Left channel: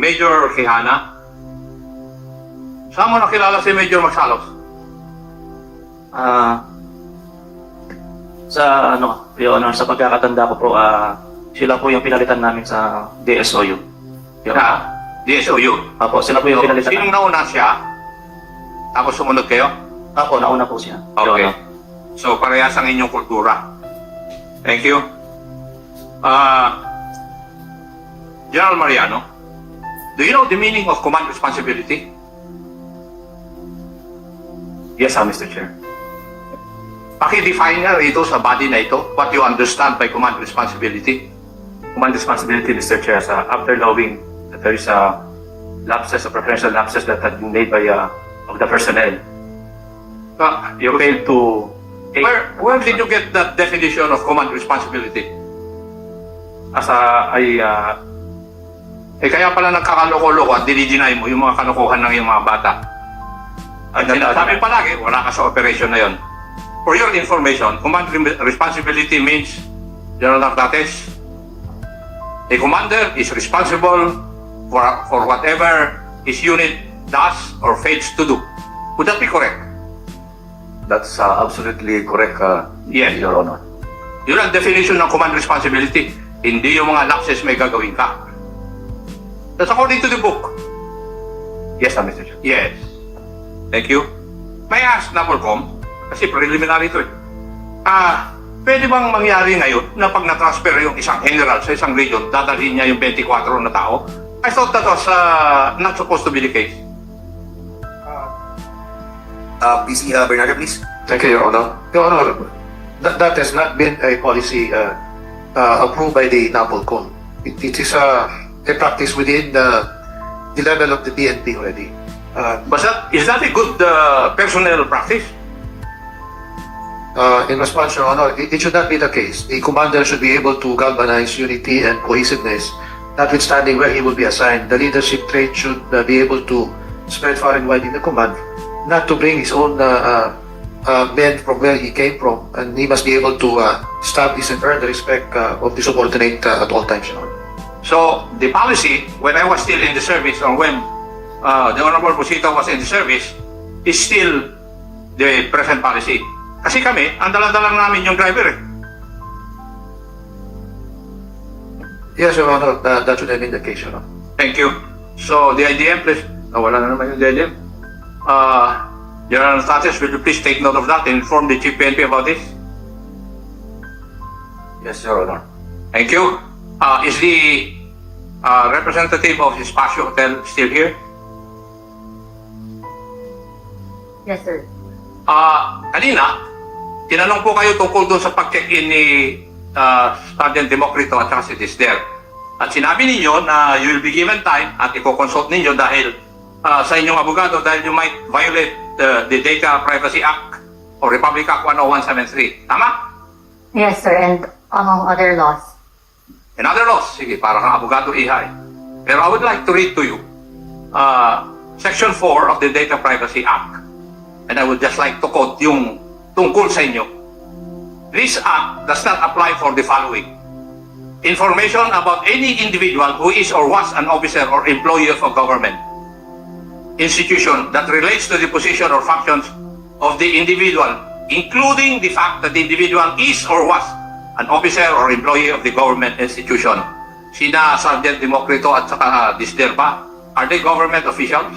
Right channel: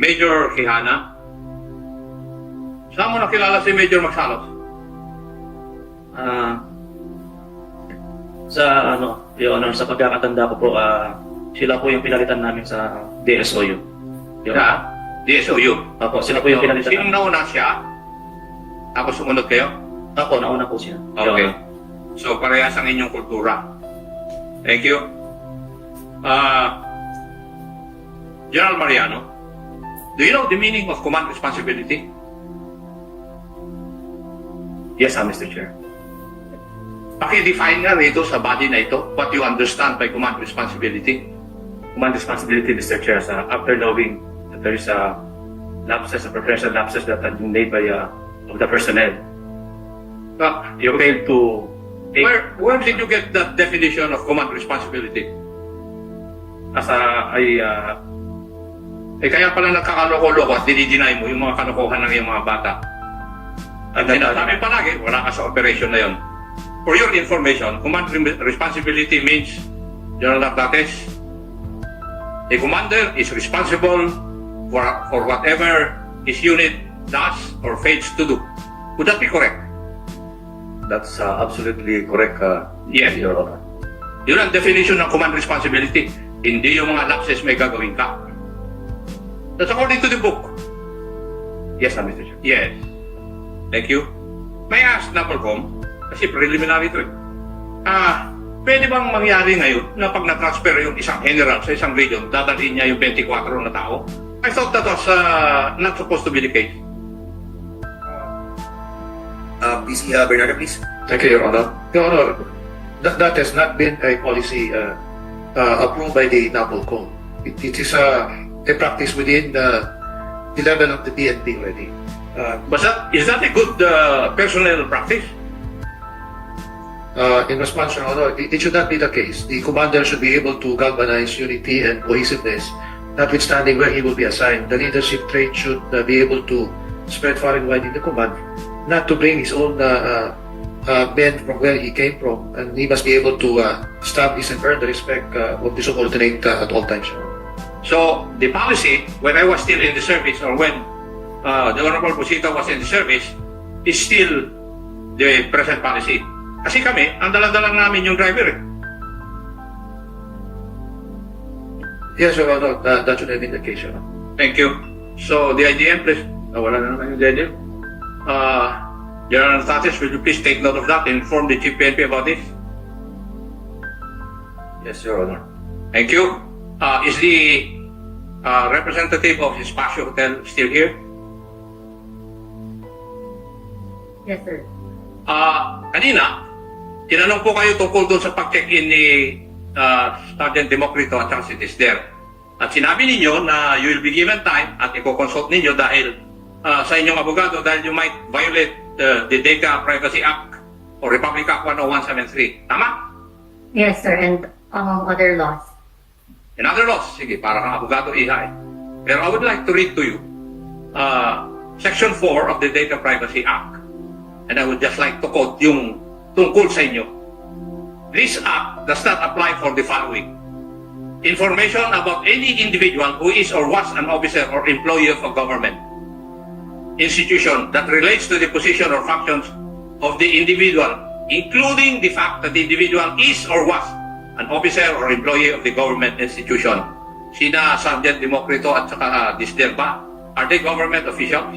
Major Quijana. Saan mo nakilala si Major Magsalos? Sa Your Honor, sa pagkakatanda ko po, sila po yung pinalitan namin sa DSOU. Your Honor. Sa DSOU. Apo, sila po yung pinalitan Sinong namin. nauna siya? Tapos sumunod kayo? Apo, nauna po siya. Your Okay. Honor. So, parehas ang inyong kultura. Thank you. General Mariano, do you know the meaning of command responsibility? Yes, Mr. Chair. Paki-define nga rito sa body na ito what you understand by command responsibility. Command responsibility, Mr. Chair, after knowing that there is a lapses, a preferential lapses that had been made by of the personnel, you failed to take Where did you get that definition of command responsibility? Kaya pala nagkakaloko-loko at dinideny mo yung mga kalokohan ng yung mga bata. At sinasabi palagi, wala ka sa operation na yon. For your information, command responsibility means, General Nartates, a commander is responsible for whatever his unit does or fails to do. Would that be correct? That's absolutely correct, Yes. Your Honor. Yun ang definition ng command responsibility. Hindi yung mga lapses may gagawin ka. That's according to the book. Yes, Mr. Chair. Yes. Thank you. May I ask Napolcom, kasi preliminary ito eh. Pwede bang mangyari ngayon na pag na-transfer yung isang general sa isang region, dadalhin niya yung 24 na tao? I thought that was not supposed to be the case. PC Bernardo, please. Thank you, Your Honor. Your Honor, that has not been a policy approved by the NAPOLCOM. It is a practice within the level of the PNP already. But is that a good personnel practice? In response, Your Honor, it should not be the case. The commander should be able to galvanize unity and cohesiveness, notwithstanding where he will be assigned. The leadership trait should be able to spread far and wide in the command, not to bring his own men from where he came from, and he must be able to establish and earn the respect of the subordinate at all times, Your Honor. So, the policy, when I was still in the service or when the Honorable Busito was in the service, is still the present policy. Kasi kami, ang dala-dala namin yung driver eh. Yes, Your Honor, that should have been the case, Your Honor. Thank you. So, the IDM, please. Wala na naman yung IDM. General Nartates, will you please take note of that and inform the Chief PNP about this? Yes, Your Honor. Thank you. Is the representative of Espacio Hotel still here? Yes, sir. Kanina, tinanong po kayo tungkol doon sa pag-check-in ni Sergeant Democrito at saka si Tisder. At sinabi ninyo na you will be given time at i-consult ninyo dahil sa inyong abogado dahil you might violate the Data Privacy Act or Republic Act 10173. Tama? Yes, sir, and among other laws. And other laws. Sige, para ka abogado ihay. Pero I would like to read to you Section 4 of the Data Privacy Act. And I would just like to quote yung tungkol sa inyo. This act does not apply for the following. Information about any individual who is or was an officer or employee of a government institution that relates to the position or functions of the individual, including the fact that the individual is or was an officer or employee of the government institution. Sina Sergeant Democrito at saka Tisder ba? Are they government officials?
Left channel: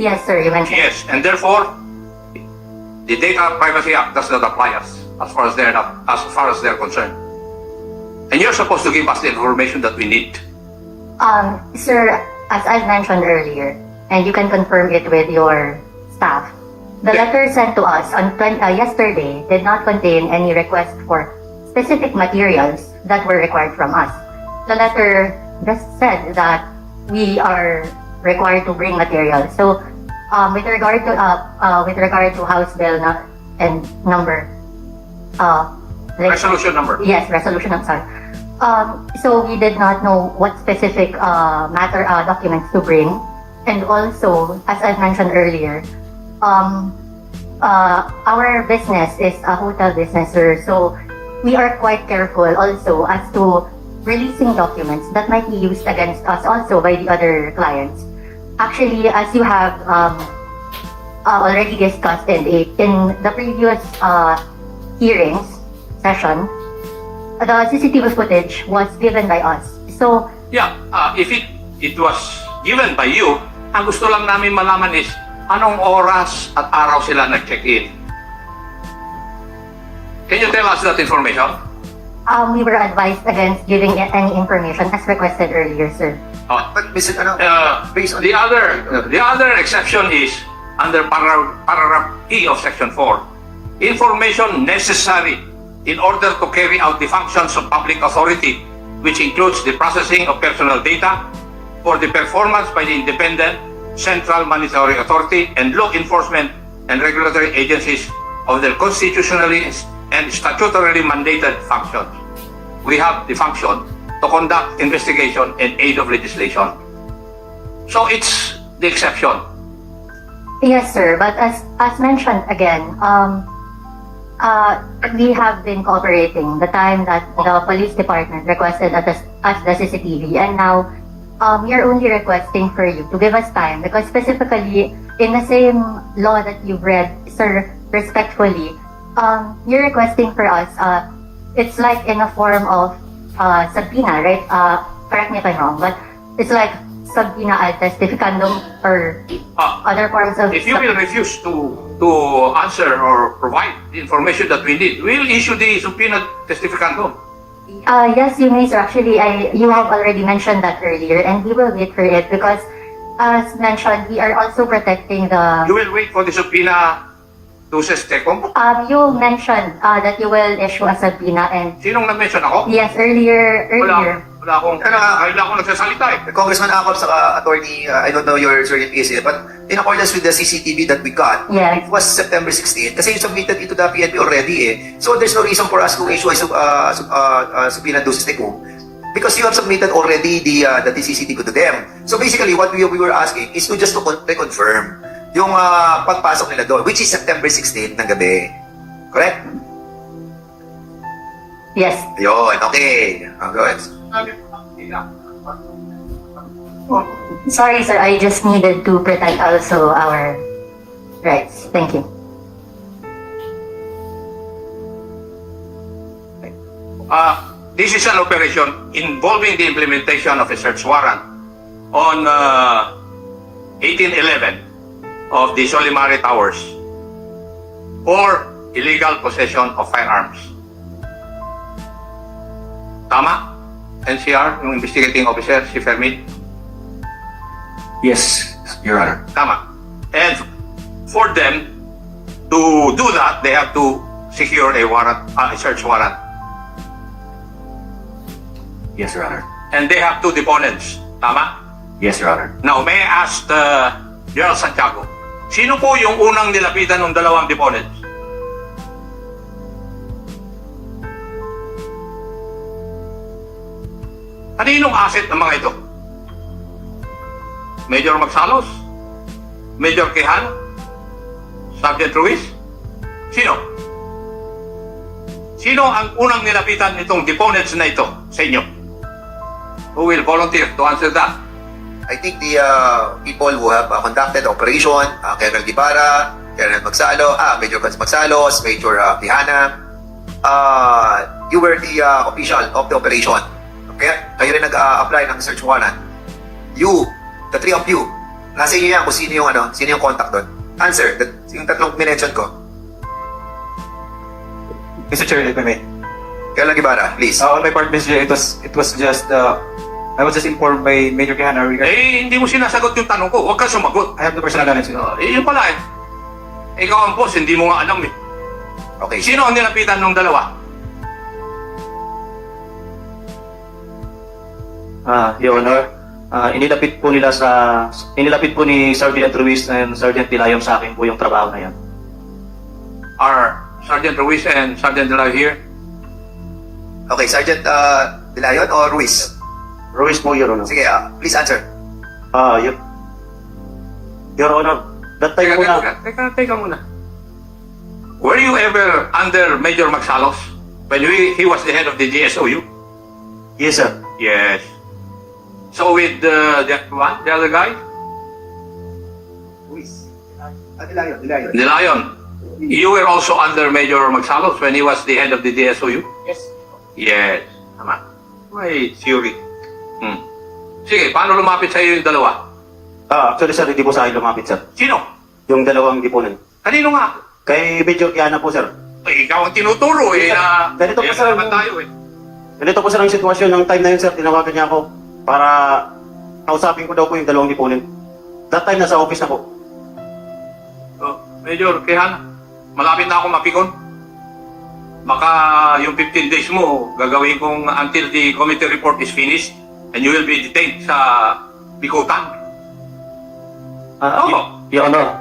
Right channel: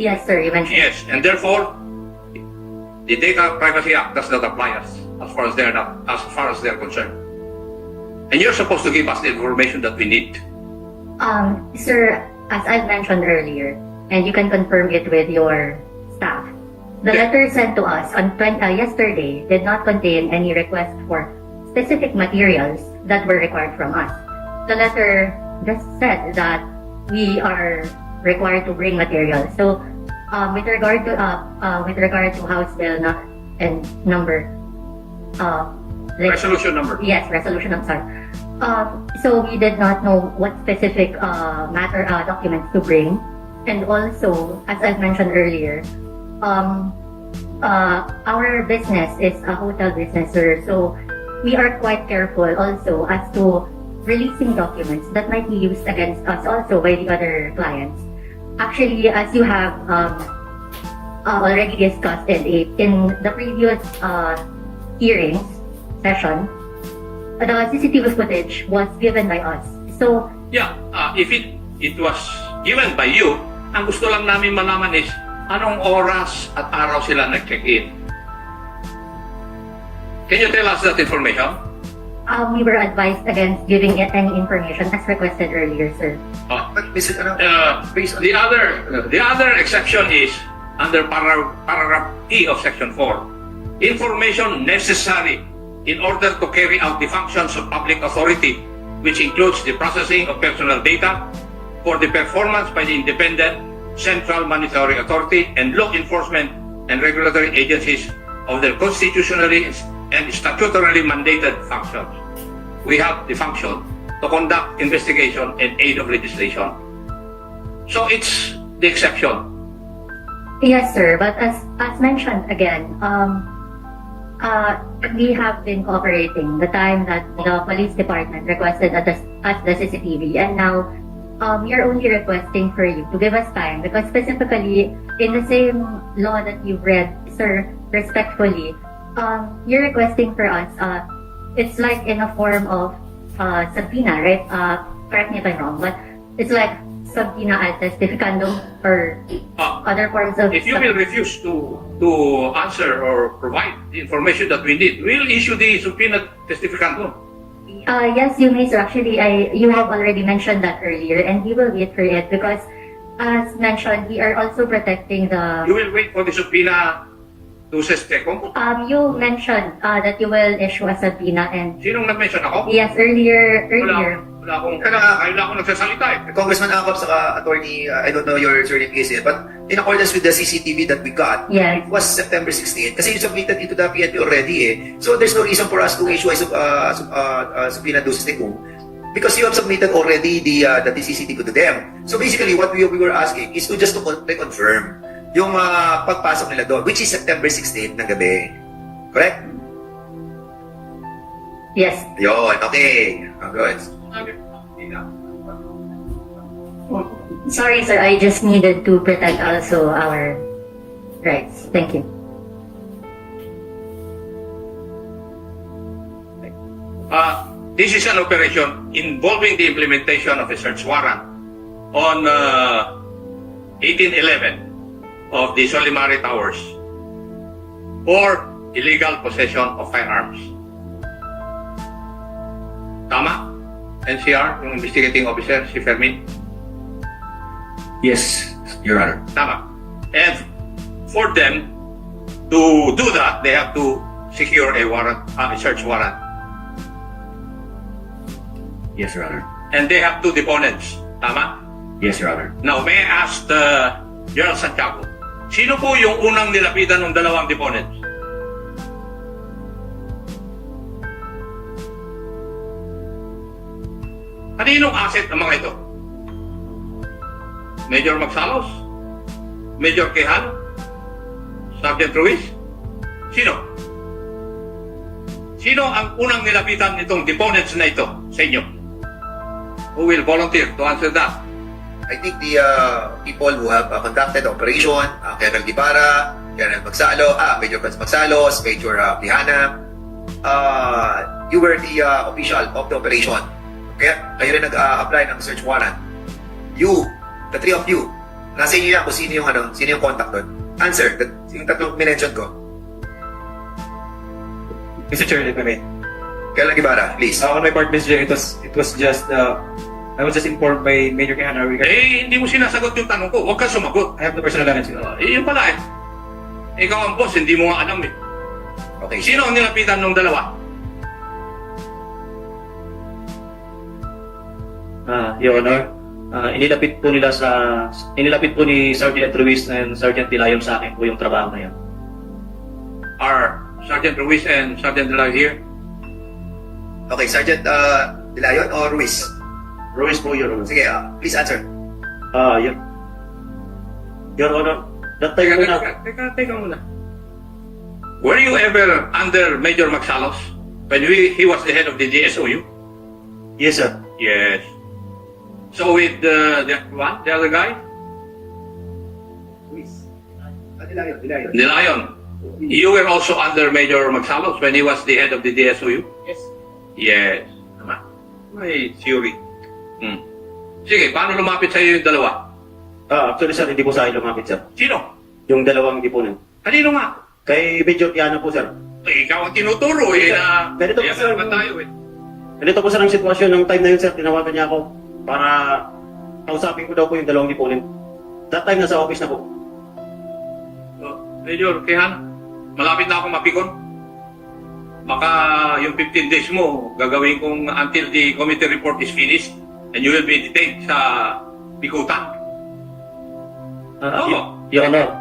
Yes, sir, you mentioned. Yes, and therefore, the Data Privacy Act does not apply us as far as they're concerned. And you're supposed to give us the information that we need. Sir, as I've mentioned earlier, and you can confirm it with your staff, the Yeah. letter sent to us on yesterday did not contain any request for specific materials that were required from us. The letter just said that we are required to bring materials. So, with regard to House Bill and number, Resolution number. yes, resolution. I'm sorry. So we did not know what specific documents to bring, and also, as I mentioned earlier, our business is a hotel business, sir. So we are quite careful also as to releasing documents that might be used against us also by the other clients. Actually, as you have already discussed in the previous hearings session, the CCTV footage was given by us. So, Yeah, if it was given by you, ang gusto lang namin malaman is anong oras at araw sila nag-check-in. Can you tell us that information? we were advised against giving any information as requested earlier, sir. Oh, But Mr. Ano, based on the other exception is under paragraph E of section 4. Information necessary in order to carry out the functions of public authority, which includes the processing of personal data for the performance by the independent central monetary authority and law enforcement and regulatory agencies of their constitutionally and statutorily mandated functions. We have the function to conduct investigation and aid of legislation. So it's the exception. Yes, sir. But as mentioned again, we have been cooperating the time that the police department requested us the CCTV, and now we are only requesting for you to give us time because specifically in the same law that you've read, sir, respectfully, you're requesting for us. It's like in a form of subpoena, right? Correct me if I'm wrong, but it's like subpoena ad testificandum or other forms of. If you will refuse to answer or provide the information that we need, we'll issue the subpoena testificandum. Yes, you may, sir. Actually, you have already mentioned that earlier, and we will wait for it because, as mentioned, we are also protecting the. You will wait for the subpoena to Sestecom? You mentioned that you will issue a subpoena, and Sinong nag-mention ako? yes, earlier. Wala akong nagsasalita eh. Congressman Acop sa attorney, I don't know your surname is it, but in accordance with the CCTV that we got, Yes. it was September 16. Kasi you submitted it to the PNP already eh. So there's no reason for us to issue a subpoena to Sestecom because you have submitted already the CCTV to them. So basically, what we were asking is to just to reconfirm yung pagpasok nila doon, which is September 16 ng gabi. Correct? Yes. Yun, okay. Go ahead. Sorry, sir. I just needed to protect also our rights. Thank you. This is an operation involving the implementation of a search warrant on 1811 of the Solimare Towers for illegal possession of firearms. Tama? NCR, yung investigating officer, si Fermin? Yes, Your Honor. Tama. And for them to do that, they have to secure a warrant, a search warrant. Yes, Your Honor. And they have two deponents. Tama? Yes, Your Honor. Now, may I ask General Santiago, sino po yung unang nilapitan ng dalawang deponents? Kaninong asset ang mga ito? Major Magsalos? Major Quijano? Sergeant Ruiz? Sino? Sino ang unang nilapitan itong deponents na ito sa inyo? Who will volunteer to answer that? I think the people who have conducted the operation, Colonel Guevara, Colonel Major Magsalos, Major Quijana, you were the official of the operation. Kaya kayo rin nag-apply ng search warrant. You, the three of you, nasa inyo yan kung sino yung contact doon. Answer, yung tatlong minention ko. Mr. Chair, if I may. Colonel Guevara, please. On my part, Mr. Chair, it was just, I was just informed by Major Quijano regarding, Hindi mo sinasagot yung tanong ko. Huwag kang sumagot. I have the personal knowledge. Yun pala eh. Ikaw ang boss, hindi mo nga alam eh. Okay. Sino ang nilapitan ng dalawa? Your Honor, inilapit po ni Sergeant Ruiz and Sergeant Dilayong sa akin po yung trabaho na yan. Are Sergeant Ruiz and Sergeant Delayo here? Okay, Sergeant Dilayon or Ruiz? Ruiz po, Your Honor. Sige, please answer. Your Honor, that time po na, Teka muna. Were you ever under Major Magsalos when he was the head of the GSOU? Yes, sir. Yes. So with the other guy? De Leon. You were also under Major Magsalos when he was the head of the DSOU? Yes. Yes. Tama. May theory. Sige, paano lumapit sa'yo yung dalawa? Actually, sir, hindi po sa akin lumapit, sir. Sino? Yung dalawang deponent. Kanino nga? Kay Major Kiana po, sir. Eh, ikaw ang tinuturo eh na... Ganito po, eh, sir. naman tayo eh. Ganito po, sir, ang sitwasyon ng time na yun, sir. Tinawagan niya ako para kausapin ko daw po yung dalawang deponent. That time, nasa office na po. Oh, Major, Kehan, malapit na ako mapikon. Baka yung 15 days mo, gagawin kong until the committee report is finished and you will be detained sa Bikutan. Oo. Your Honor,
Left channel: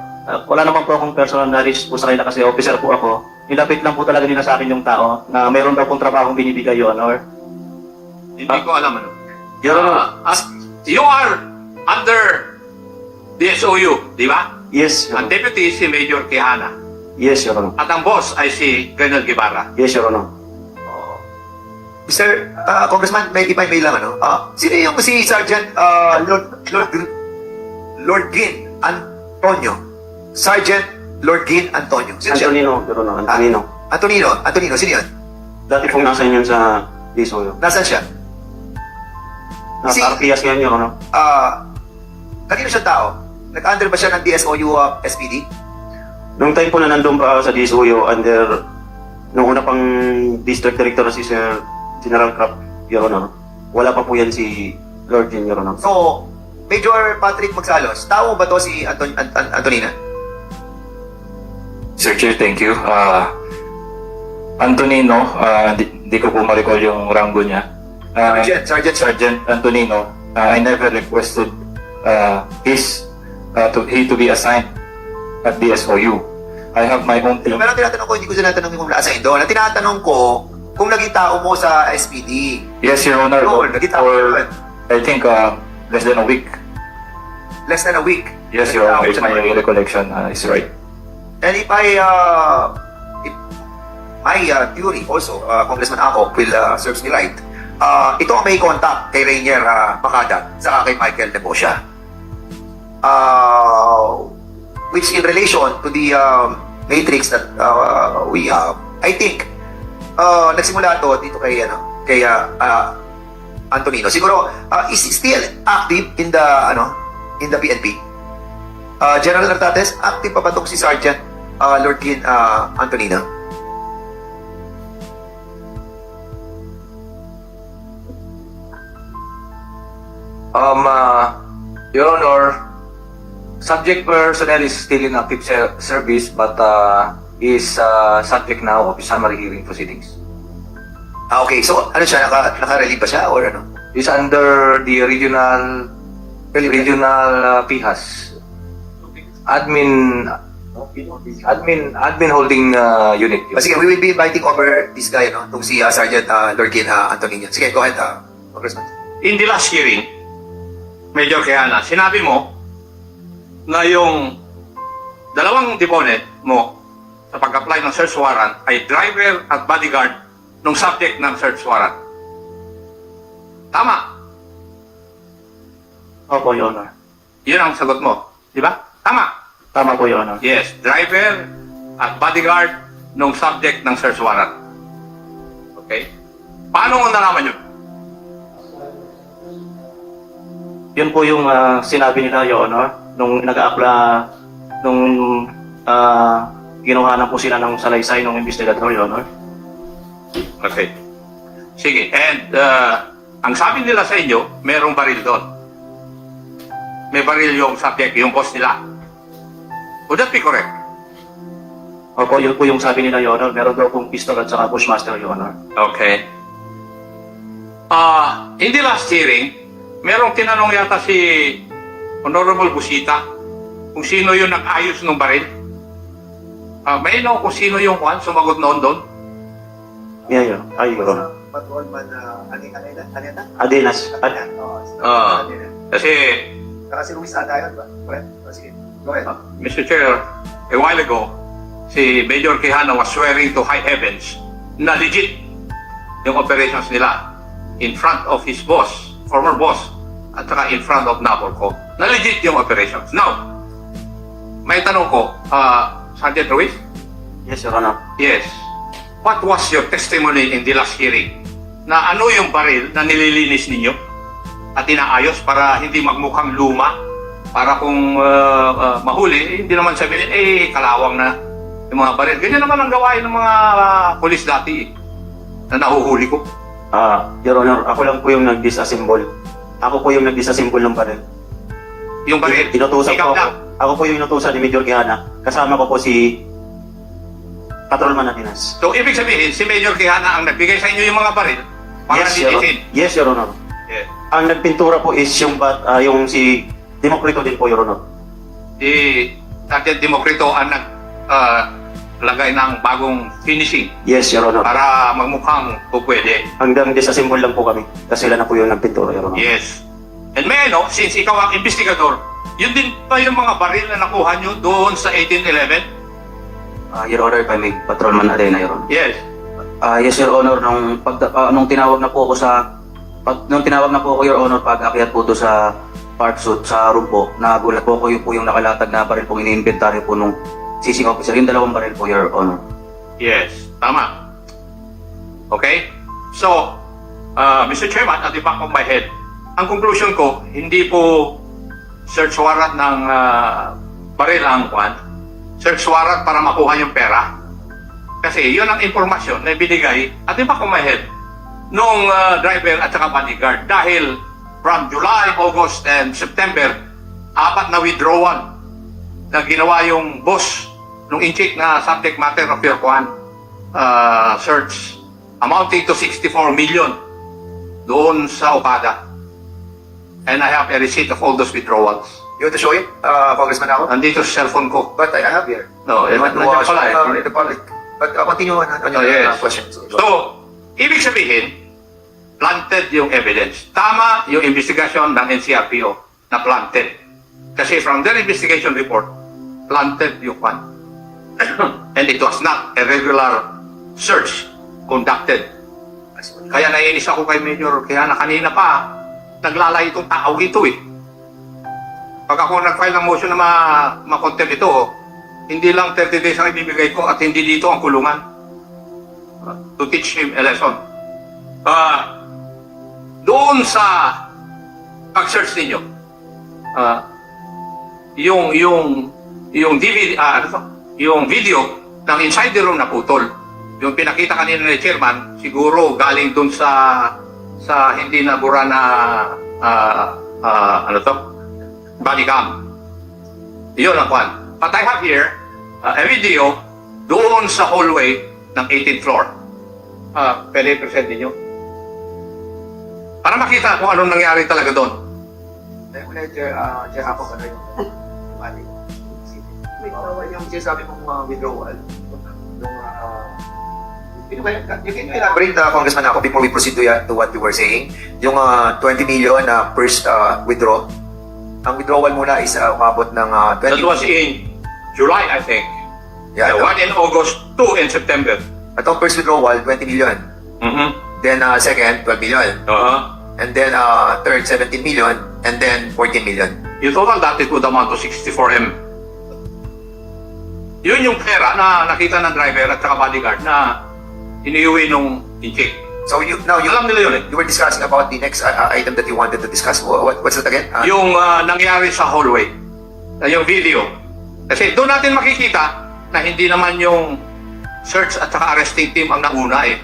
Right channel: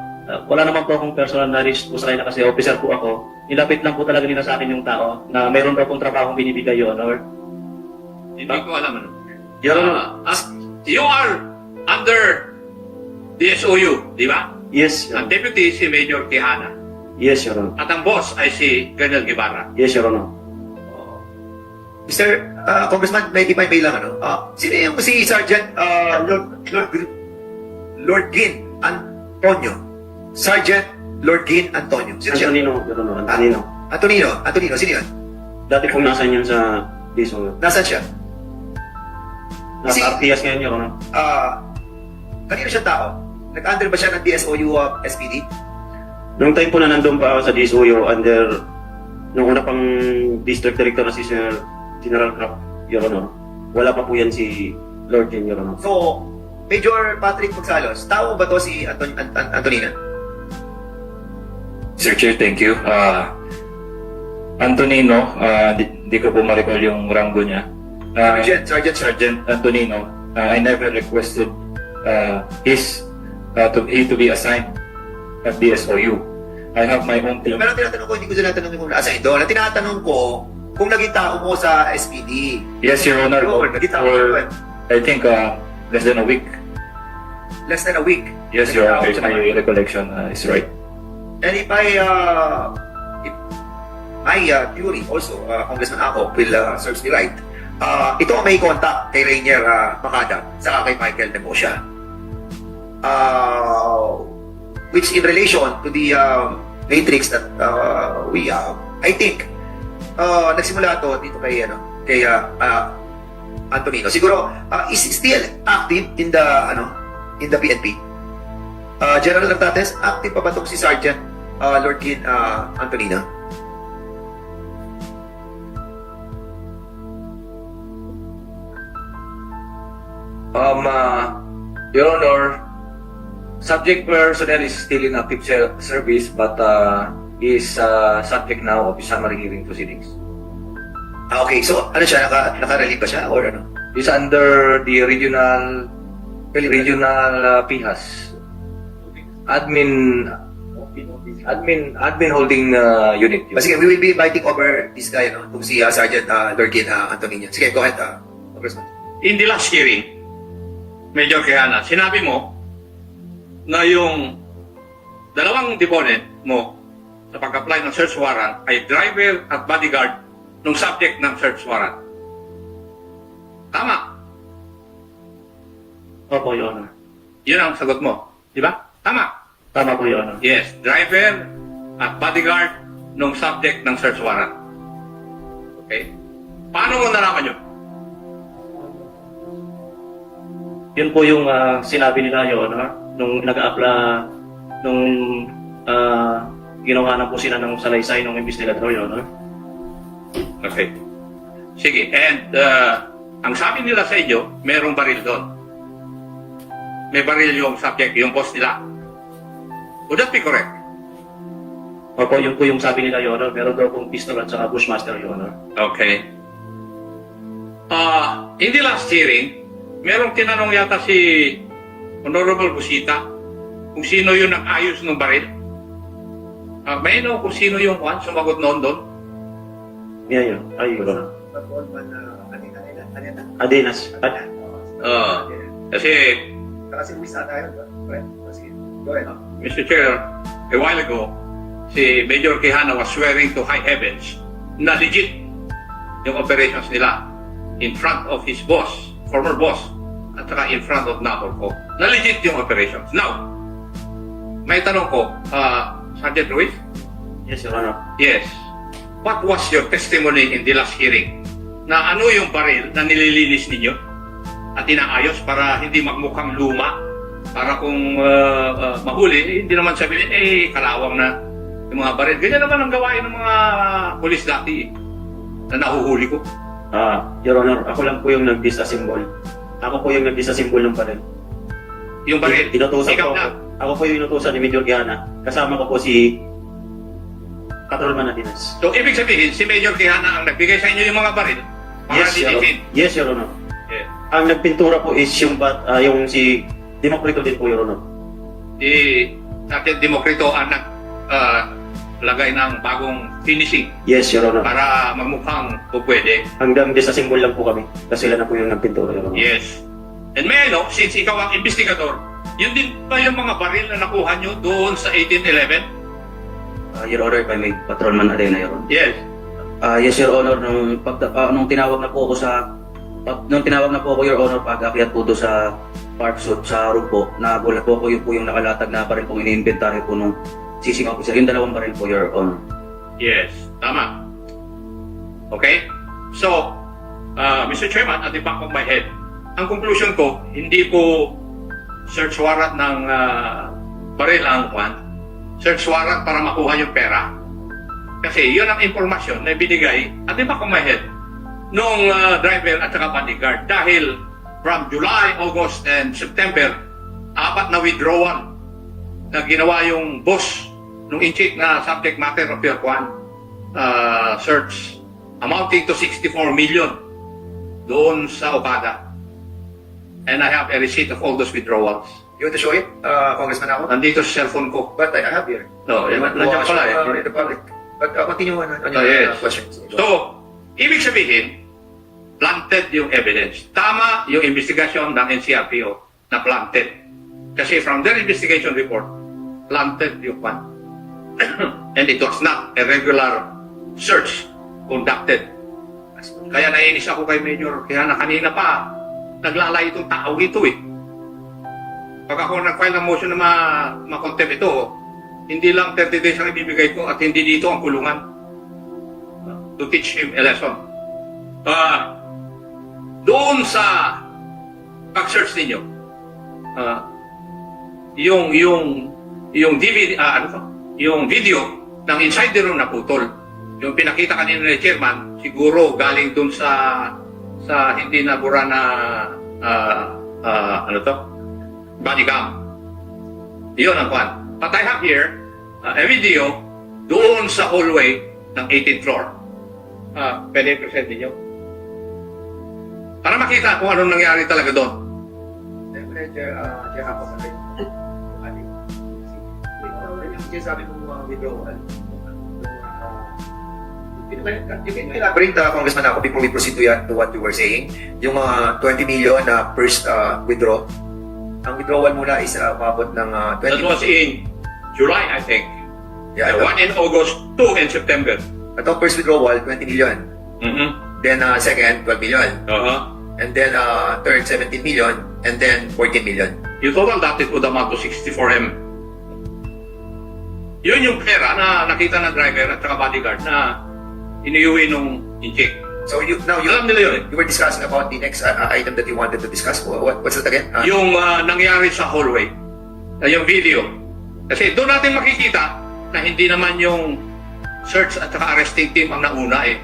wala naman po akong personal knowledge po sa kanila kasi officer po ako. Nilapit lang po talaga nila sa akin yung tao na mayroon daw pong trabahong binibigay, Your Honor. Hindi ko alam ano. Your Honor, You are under DSOU, di ba? yes, Your Ang Honor. deputy si Major Quijana Yes, Your Honor. at ang boss ay si Colonel Guevara. Yes, Your Honor. Mr. Congressman, may lang ano. Sino yung si Sergeant Lord Gin Antonio? Sergeant Lord Gin Antonio. Sino siya? Antonino, Your Honor. Antonino. Antonino, sino yun? Dati pong nasa inyo sa DSOyo. Nasaan siya? Si- Nasa RPS ngayon, Your Honor. Kanino siya tao? Nag-under ba siya ng DSOU SPD? Nung time po na nandun pa ako sa DSOyo under nung una pang district director na si Sir General Crap, Your Honor. Wala pa po yan si Lord Jin, Your Honor. So, Major Patrick Magsalos, tao ba to si Antonina? Sir Chair, thank you. Antonino, di ko po ma-recall yung rango niya. Sergeant. Sergeant Antonino, I never requested he to be assigned at DSOU. I have my own team. Pero ang tinatanong ko, hindi ko sila tinatanong kung nasa doon. Ang tinatanong ko, kung naging tao mo sa SPD. Yes, Your Honor. Oo, naging tao mo For, doon. I think, less than a week. Less than a week. Yes, Your Honor. If my recollection is right. And if my theory also, Congressman Ako will serves me right, ito ang may contact kay Rainier Macada sa kay Michael Demosha. Which in relation to the matrix that we have, I think, nagsimula to dito kay Antonino. Siguro, is still active in the PNP. General Nartates, active pa ba itong si Sergeant Lord Gin Antonino? Your Honor, subject personnel is still in active service but is subject now of summary hearing proceedings. Okay, so ano siya, naka-relieve ba siya or ano? Is under the regional PIHAS admin holding unit. Sige, we will be inviting over this guy, no? Itong si Sergeant Lord Gin Antonino. Sige, go ahead, Congressman. In the last hearing, Major Quijana, sinabi mo na yung dalawang deponent mo sa pag-apply ng search warrant ay driver at bodyguard ng subject ng search warrant. Tama. Opo, Your Honor. Yun ang sagot mo. Di ba? Tama. Tama po, Your Honor. Yes, driver at bodyguard ng subject ng search warrant. Okay? Paano mo nalaman yun? Yun po yung sinabi nila, Your Honor, nung nag-a-apply, nung ginawa na po sila ng salaysay ng investigador, Your Honor. Okay. Sige. And ang sabi nila sa inyo, merong baril doon. May baril yung subject, yung boss nila. Would that be correct? Opo, yun po yung sabi nila, Your Honor. Meron daw pong pistol at saka Bushmaster, Your Honor. Okay. In the last hearing, merong tinanong yata si Honorable Busita kung sino yung nag-ayos ng baril. May know kung sino yung sumagot noon doon? Yeah, yeah. Ay, Your Honor. Patrolman, Adenas. Kasi, si Luis ata yun ba? Sige, go ahead. Mr. Chair, a while ago, si Major Quijano was swearing to high heavens na legit yung operations nila. in front of his boss, former boss, at saka in front of Napolico, na legit yung operations. Now, may tanong ko, Sergeant Ruiz? Yes, Your Honor. Yes. What was your testimony in the last hearing? Na ano yung baril na nililinis ninyo at inaayos para hindi magmukhang luma? Para kung mahuli, hindi naman sabihin, kalawang na yung mga baril. Ganyan naman ang gawain ng mga polis dati na nahuhuli ko. Your Honor, ako lang po yung nag-disassemble. Ako po yung nag-disassemble ng baril. Yung baril, Inutusan ikaw po ako. lang. Ako po yung inutusan ni Major Quijana. Kasama ko po si Patrolman Natinas. So, ibig sabihin, si Major Quijana ang nagbigay sa inyo yung mga baril para i-defend. Yes, Your Honor. Yeah. Ang nagpintura po is yung si Demokrito din po, Your Honor. Sergeant Demokrito ang naglagay ng bagong finishing Yes, Your Honor. para magmukhang pupwede. Hanggang disassemble lang po kami. Kasi sila na po yung nagpintura, Your Honor. Yes. And may since ikaw ang investigador, yun din pa yung mga baril na nakuha nyo doon sa 1811? Your Honor, if I may, Patrolman Arena, Your Honor. Yes. Yes, Your Honor, nung tinawag na po ako Your Honor, pag-akyat po doon sa park suit sa room po, nagulat po ako yung nakalatag na baril po ini-inventory po nung seizing officer, yung dalawang baril po, Your Honor. Yes. Tama. Okay? So, Mr. Chairman, at the back of my head, ang conclusion ko, hindi po search warrant ng baril ang kwan. Search warrant para makuha yung pera. Kasi yun ang impormasyon na binigay at the back of my head nung driver at saka bodyguard. Dahil from July, August, and September, 4 na withdrawal na ginawa yung boss nung in-check na subject matter of your kwan search amounting to 64 million doon sa Okada. And I have a receipt of all those withdrawals. You want to show it, Congressman ako? Nandito sa cellphone ko. But I have here. No, You want to nandiyan pala in the public. But continue on your yes. questions. So, ibig sabihin, planted yung evidence. Tama yung investigation ng NCRPO na planted. Kasi from their investigation report, planted yung one. And it was not a regular search conducted. Kaya nainis ako kay Major, kaya na kanina pa, naglalay itong tao ito eh. Pag ako nag-file ng motion na ma-contempt ito, hindi lang 30 days ang ibibigay ko at hindi dito ang kulungan. To teach him a lesson. Doon sa pag-search ninyo, yung DVD, yung video ng inside the room na putol, yung pinakita kanina ni Chairman, siguro galing doon sa hindi nabura na body cam. Yun ang kwan. But I have here a video doon sa hallway ng 18th floor. Pwede i-present ninyo? Para makita kung anong nangyari talaga doon. Check ako sa rin. Yung sinasabi mong withdrawal. You can elaborate, Congressman ako, before we proceed to what you were saying. Yung 20 million na first withdraw. Ang withdrawal muna is umabot ng 20 That was in July, I think. Yeah, The one in August, 2 in September. Ito first withdrawal, 20 million. Mm-hmm. Then second, 12 million. And then third, 17 million. And then 14 million. You total that, it would amount to 64M. Yun yung pera na nakita ng driver at saka bodyguard na iniuwi nung in-check. So Alam nila yun eh. you were discussing about the next item that you wanted to discuss. What's it again? Yung nangyari sa hallway, yung video. Kasi doon natin makikita na hindi naman yung search at saka arresting team ang nauna eh.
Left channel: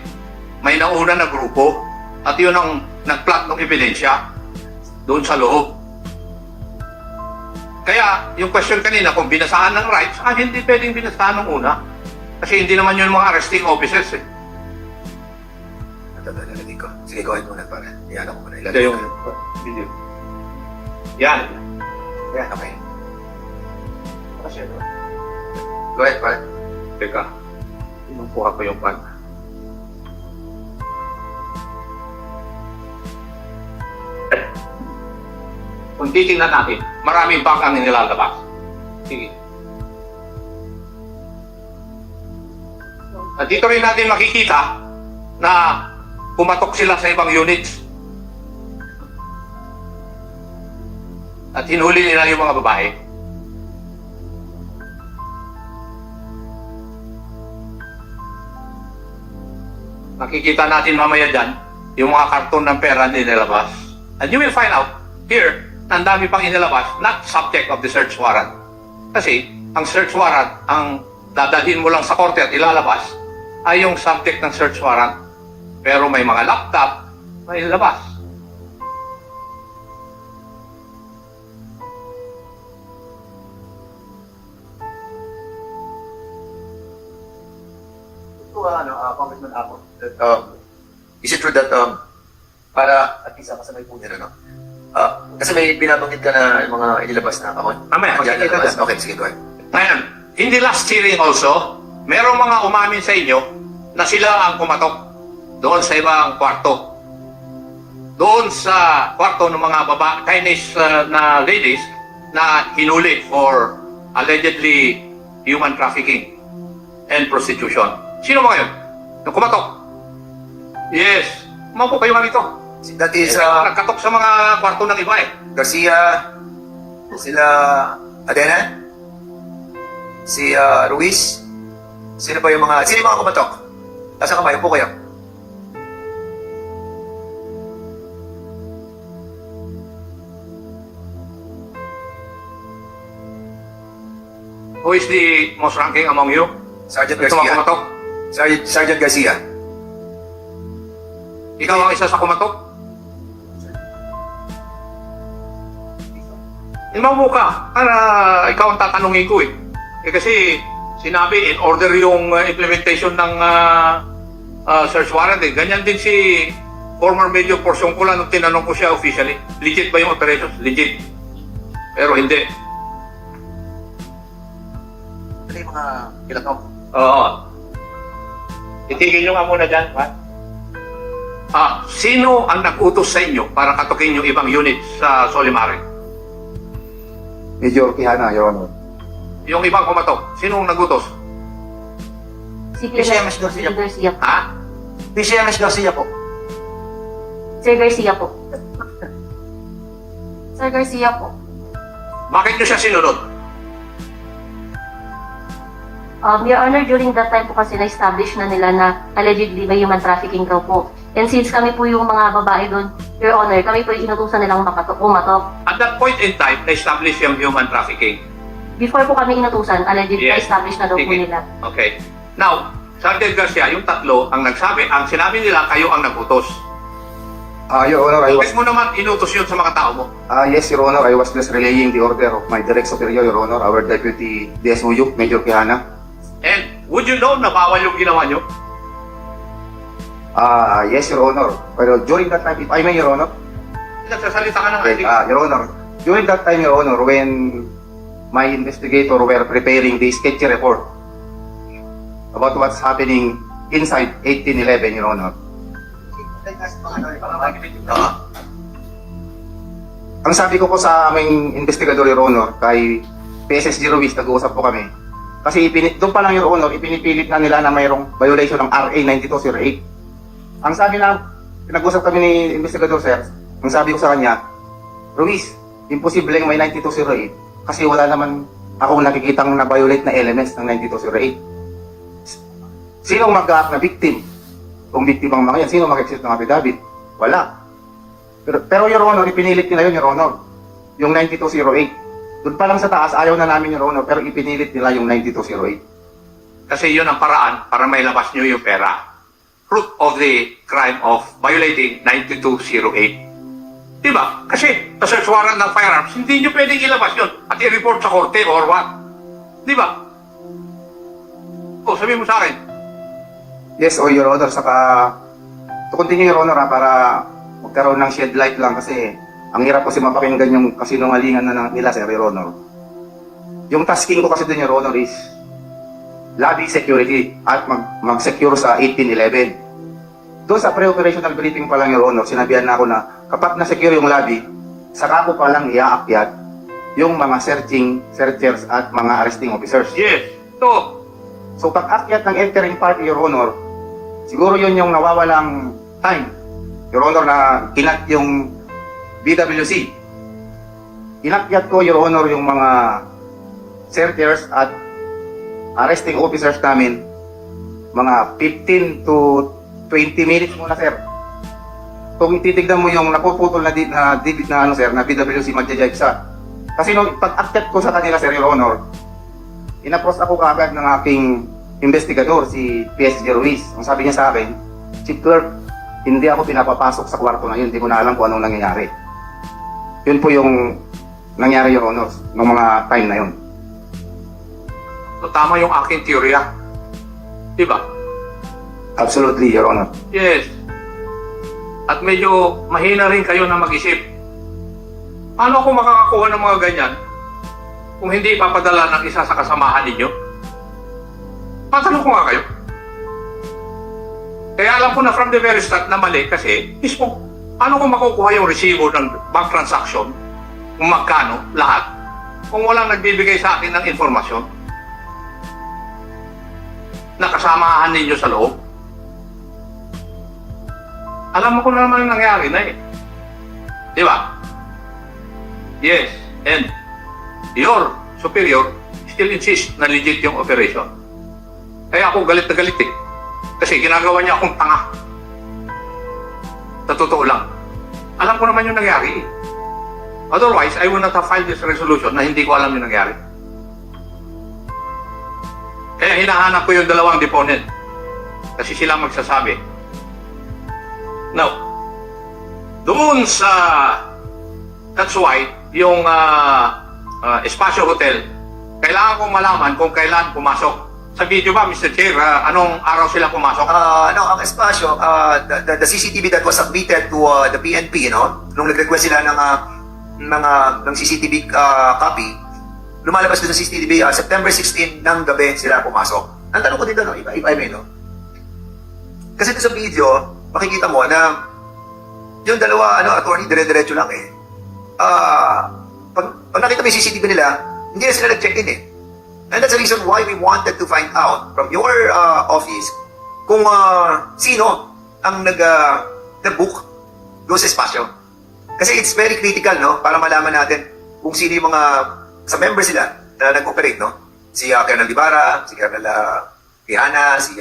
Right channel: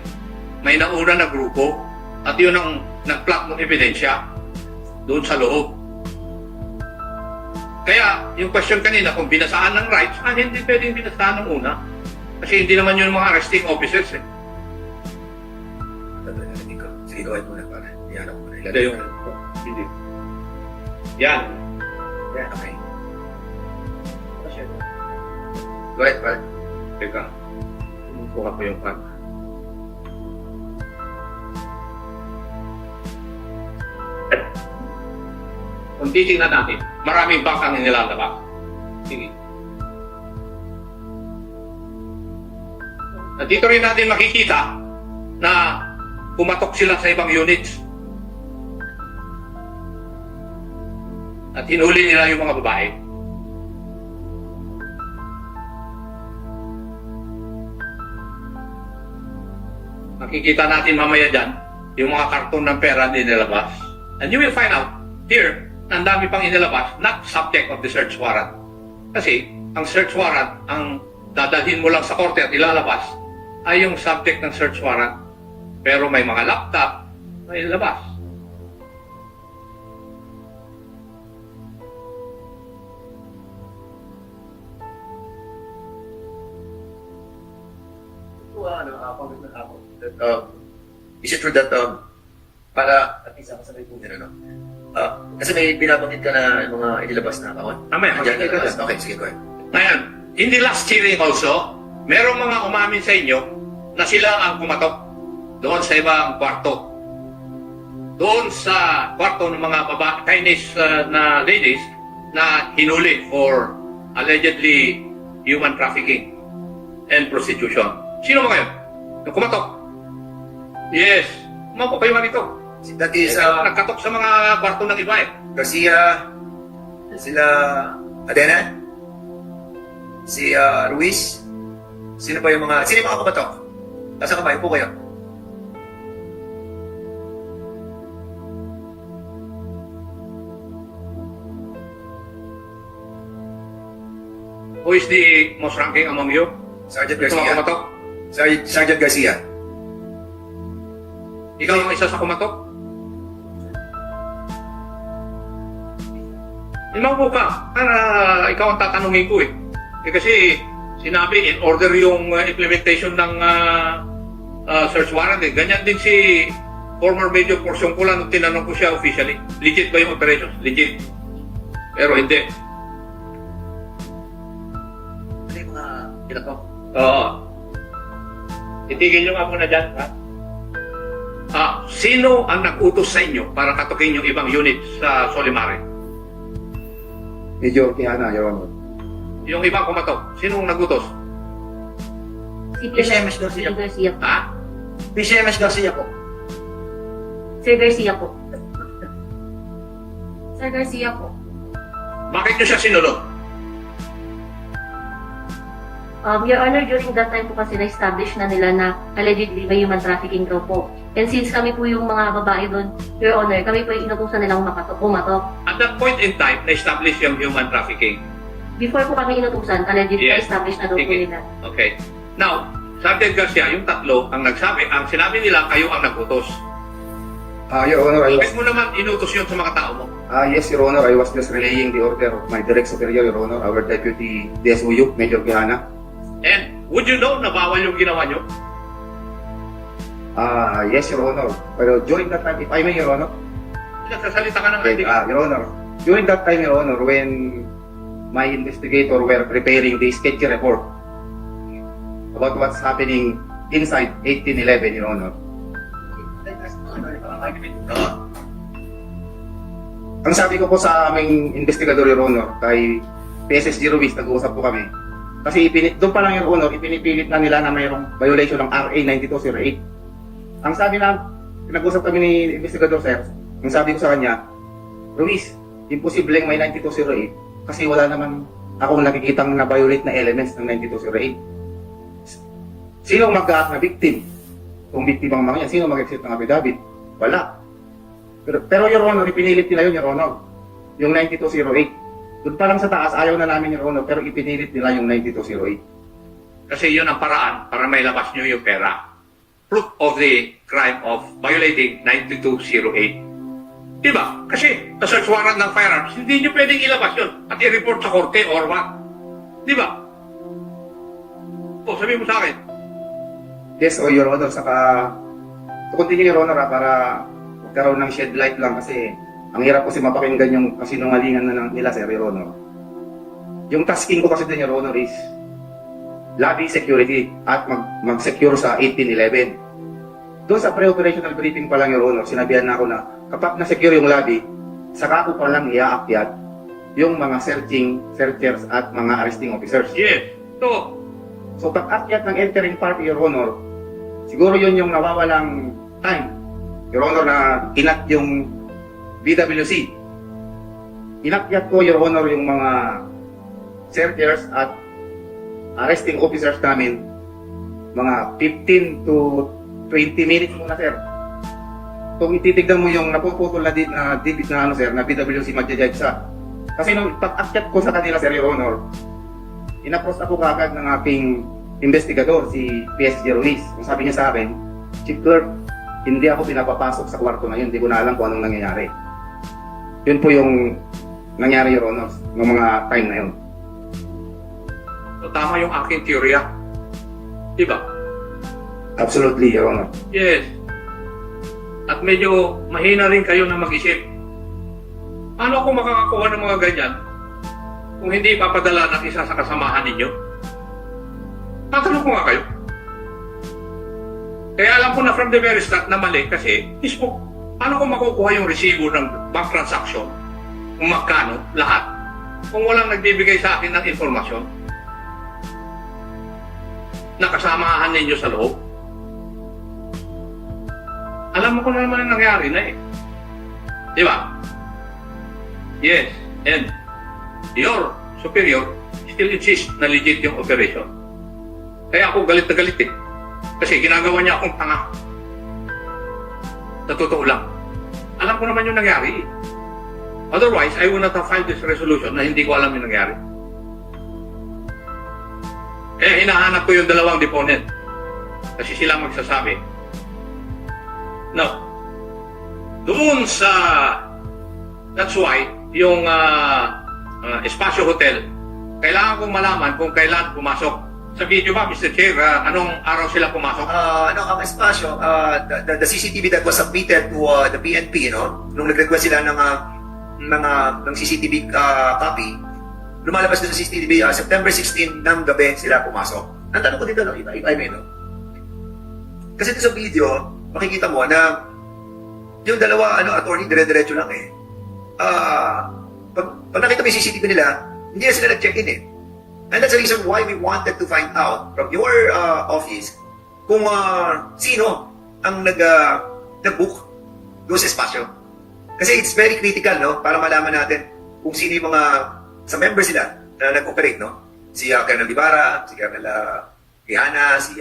May nauna na grupo at yun ang nag-plant ng ebidensya doon sa loob. Kaya yung question kanina kung binasaan ng rights, hindi pwedeng binasaan ng una. Kasi hindi naman yun mga arresting officers eh. Sige, go ahead muna para. Yan ako muna. Ito yung video. Yan. Yan, okay. Go ahead, pal. Teka. Inukuha ko yung pan. Kung titingnan natin, maraming bank ang nilalabas. Sige. At dito rin natin makikita na pumatok sila sa ibang units. at hinuli nila yung mga babae. Makikita natin mamaya dyan yung mga karton ng pera na inilabas. And you will find out here na ang dami pang inilabas, not subject of the search warrant. Kasi ang search warrant, ang dadalhin mo lang sa korte at ilalabas, ay yung subject ng search warrant. Pero may mga laptop na inilabas. Congressman Apple, that, is it true that, para at least kasabay po niya, ano? Kasi may binabanggit ka na yung mga inilabas na account. Mamaya, makikita dyan. Okay, sige, go ahead. Ngayon, in the last hearing also, merong mga umamin sa inyo na sila ang kumatok doon sa ibang kwarto. Doon sa kwarto ng mga Chinese na ladies na hinuli for allegedly human trafficking and prostitution. Sino ba kayo? Yung kumatok? Yes. Maupo kayo nga rito. That is, Nagkatok sa mga kwarto ng iba eh. Garcia, sila Adena, si Ruiz, sino yung mga kumatok? Asa kamay, upo kayo. Who is the most ranking among you? Sergeant Ito mga Garcia. kumatok? Sergeant Garcia. Ikaw ang isa sa kumatok? Maupo ka para ikaw ang tatanungin ko eh. Kasi sinabi in order yung implementation ng search warrant eh. Ganyan din si former Major Porciungcola nung tinanong ko siya officially. Legit ba yung operations? Legit. Pero hindi. Ano yung mga kilatok? Oo. Itigil nyo nga muna dyan, ha? Sino ang nag-utos sa inyo para katukin yung ibang unit sa Solimare? Major Quijana, Your Honor. Yung ibang kumatok, sino ang nag-utos? Si PCMS Garcia. Garcia. Ha? PCMS Garcia po. Sir Garcia po. Sir Garcia po. Bakit nyo siya sinunod? Your Honor, during that time po kasi na-establish na nila na allegedly may human trafficking daw po. And since kami po yung mga babae doon, Your Honor, kami po yung inutusan nilang pumatok. At that point in time, na-establish yung human trafficking. Before po kami inutusan, allegedly Yes. na-establish na daw po Sige. nila. Okay. Now, Sergeant Garcia, yung tatlo, ang sinabi nila, kayo ang nagutos. Your Honor, Bakit mo naman inutos yun sa mga tao mo? yes, Your Honor, I was just relaying the order of my direct superior, Your Honor, our Deputy DSOU, Major Quijana. And would you know na bawal yung ginawa nyo? Yes, Your Honor. Pero during that time, if I may, Your Honor, Nagsasalita ka ng okay, Your Honor, during that time, Your Honor, when my investigator were preparing the sketchy report about what's happening inside 1811, Your Honor, ang sabi ko po sa aming investigador, Your Honor, kay PSSG Ruiz, nag-uusap po kami. Kasi doon pa lang, Your Honor, ipinipilit na nila na mayroong violation ng RA 9208. Ang sabi na, pinag-usap kami ni investigador, sir, ang sabi ko sa kanya, Ruiz, imposible may 9208 kasi wala naman akong nakikitang na-violate na elements ng 9208. Sino mag-act na victim? Kung victim ang mga yan, sino mag-exit ng affidavit? Wala. Pero Your Honor, ipinilit nila yun, Your Honor. Yung 9208. Doon pa lang sa taas, ayaw na namin, Your Honor, pero ipinilit nila yung 9208. Kasi yun ang paraan para may labas nyo yung pera. Fruit of the crime of violating 9208. Diba? Kasi sa search warrant ng firearms, hindi nyo pwedeng ilabas yun at i-report sa korte or what. Diba? O, sabihin mo sa akin. Yes, Your Honor, saka to continue, Your Honor, para magkaroon ng shed light lang kasi ang hirap kasi mapakinggan yung kasinungalingan na ng nila, Sir, Your Honor. Yung tasking ko kasi din, Your Honor, is lobby security at mag-secure sa 1811. Doon sa pre-operational briefing pa lang, Your Honor, sinabihan na ako na kapag na-secure yung lobby, saka ko pa lang iaakyat yung mga searchers at mga arresting officers. Yes. So pag-akyat ng entering party, Your Honor, siguro yun yung nawawalang time, Your Honor, na kinat yung BWC. inakyat ko, Your Honor, yung mga searchers at arresting officers namin, mga 15 to 20 minutes muna, sir. Kung ititignan mo yung napuputol na digit na ano, sir, na PWC magja-jive siya. Kasi nung pag-akyat ko sa kanila, sir, Your Honor, inapros ako kagad ng aking investigador, si PSG Ruiz. Ang sabi niya sa akin, Chief Clerk, hindi ako pinapapasok sa kwarto na yun, hindi ko na alam kung anong nangyayari. Yun po yung nangyari, Your Honor, ng mga time na yun. So, tama yung aking teorya. Diba? Absolutely, Your Honor. Yes. At medyo mahina rin kayo na mag-isip. Paano kung makakakuha ng mga ganyan kung hindi ipapadala ng isa sa kasamahan ninyo? Tatanong ko nga kayo. Kaya alam ko na from the very start na mali kasi mismo, paano kung makukuha yung resibo ng bank transaction, kung magkano, lahat, kung walang nagbibigay sa akin ng informasyon na kasamahan ninyo sa loob? Alam mo ko na naman ang nangyari na eh. Di ba? Yes. And your superior still insists na legit yung operation. Kaya ako galit na galit eh. Kasi ginagawa niya akong tanga. Sa totoo lang. Alam ko naman yung nangyari eh. Otherwise, I would not have filed this resolution na hindi ko alam yung nangyari. Kaya hinahanap ko yung dalawang deponent. Kasi sila magsasabi. Now, doon sa... That's why, yung Espacio Hotel, kailangan kong malaman kung kailan pumasok. Sa video ba, Mr. Chair, anong araw sila pumasok? Ang espasyo, the CCTV that was submitted to the PNP, nung nag-request sila ng CCTV copy, lumalabas doon sa CCTV, September 16 ng gabi sila pumasok. Ang tanong ko dito, if I may, kasi doon sa video, makikita mo na yung dalawa, attorney, dire-diretso lang eh. Pag nakita mo yung CCTV nila, hindi na sila nag-check-in eh. And that's the reason why we wanted to find out from your office kung sino ang nag-book doon sa espasyo. Kasi it's very critical, para malaman natin kung sino yung mga sa member sila na nag-operate, Si Colonel Ibarra, si Colonel Quijana, si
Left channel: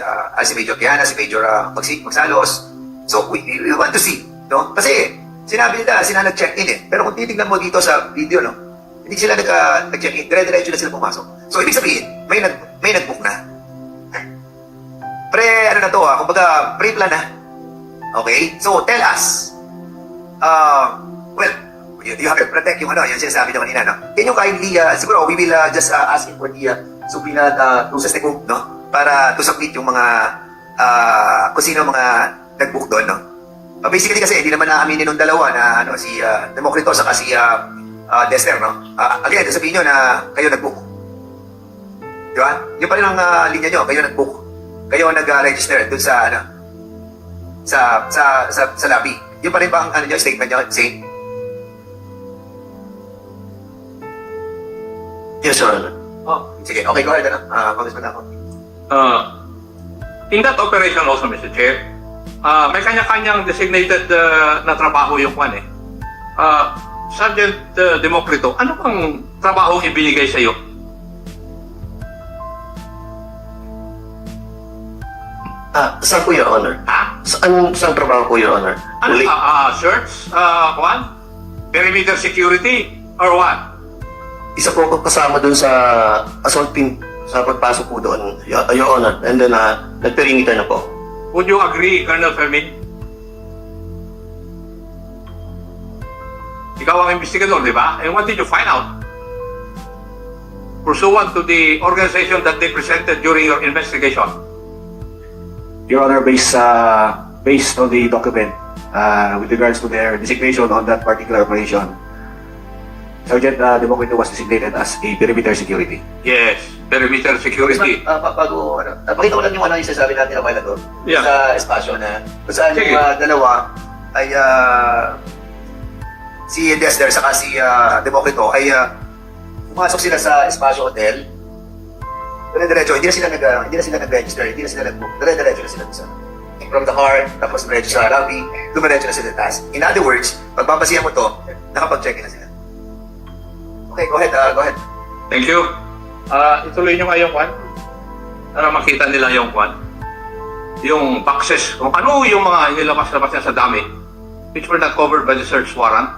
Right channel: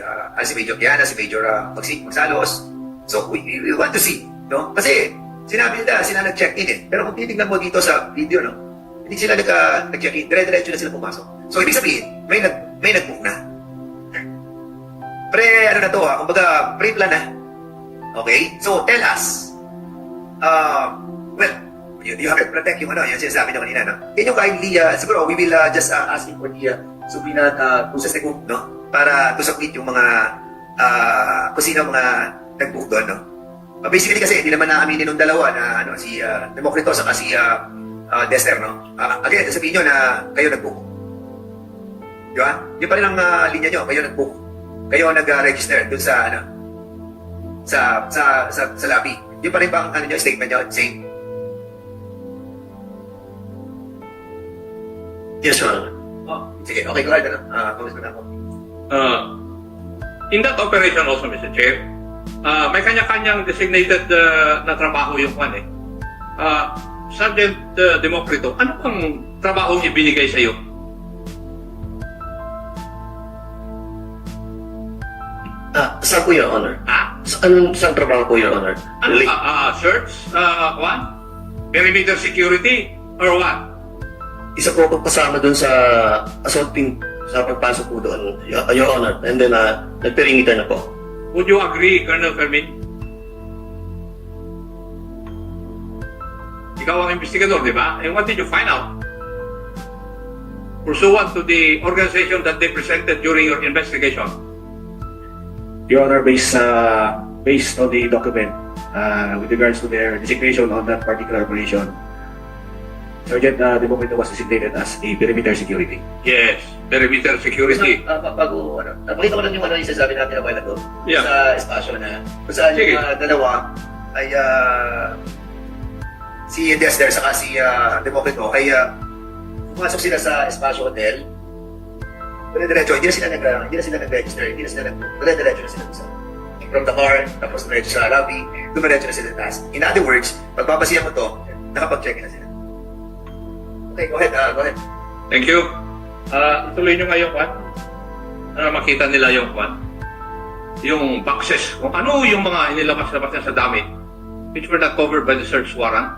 Major Quijana, si Major Magsalos. So we want to see, Kasi sinabi nila, sila nag-check-in eh. Pero kung titignan mo dito sa video, hindi sila nag-check-in. Dire-diretso na sila pumasok. So, ibig sabihin, may nag-book na. Ano na to, kumbaga, pre-plan na. Okay? So, tell us. Well, you have to protect yung yung sinasabi nyo kanina, Can you kindly, siguro, we will just ask for the subpoena to sa Stegum, Para to submit yung mga, kung sino mga nag-book doon, Basically kasi, hindi naman naaminin ng dalawa na, si Democrito saka si Dexter, Again, sabihin nyo na kayo nag-book. Diba? Yung pa rin ang linya nyo, kayo nag-book. Kayo nag-register dun sa, sa lobby. Yung pa rin ba ang statement nyo? Same? Yes, sir. Sige, okay, go ahead, Congressman ako. In that operation also, Mr. Chair, may kanya-kanyang designated na trabaho yung kwan eh. Sergeant Democrito, ano bang trabaho ibinigay sa iyo? Saan po, Your Honor? Ha? Saan trabaho po, Your Honor? Ano? Search? Kwan? Perimeter security? Or what? Isa po ako kasama dun sa assault team sa pagpasok po doon, Your Honor. And then, nag-perimeter na po. Would you agree, Colonel Fermin? Ikaw ang investigador, di ba? And what did you find out? Pursuant to the organization that they presented during your investigation. Your Honor, based on the document with regards to their designation on that particular operation, Sergeant Democrito was designated as a perimeter security. Yes, perimeter security. Bago, pakita ko lang yung yung sasabi natin a while ago. Yeah. Sa espasyo na, kung saan Sige. yung dalawa ay si Dexter saka si Democrito ay pumasok sila sa Espasyo Hotel. Dire-diretso, hindi na sila nag-register, hindi na sila nag-book. Dire-diretso na sila sa from the car, tapos diretso sa lobby, dumiretso na sila taas. In other words, pagbabasihan mo to, nakapag-check na sila. Okay, go ahead, go ahead. Thank you. Ituloy nyo nga yung kwan. Para makita nila yung kwan. Yung boxes. Kung ano yung mga inilabas-labas niya sa dami which were not covered by the search warrant.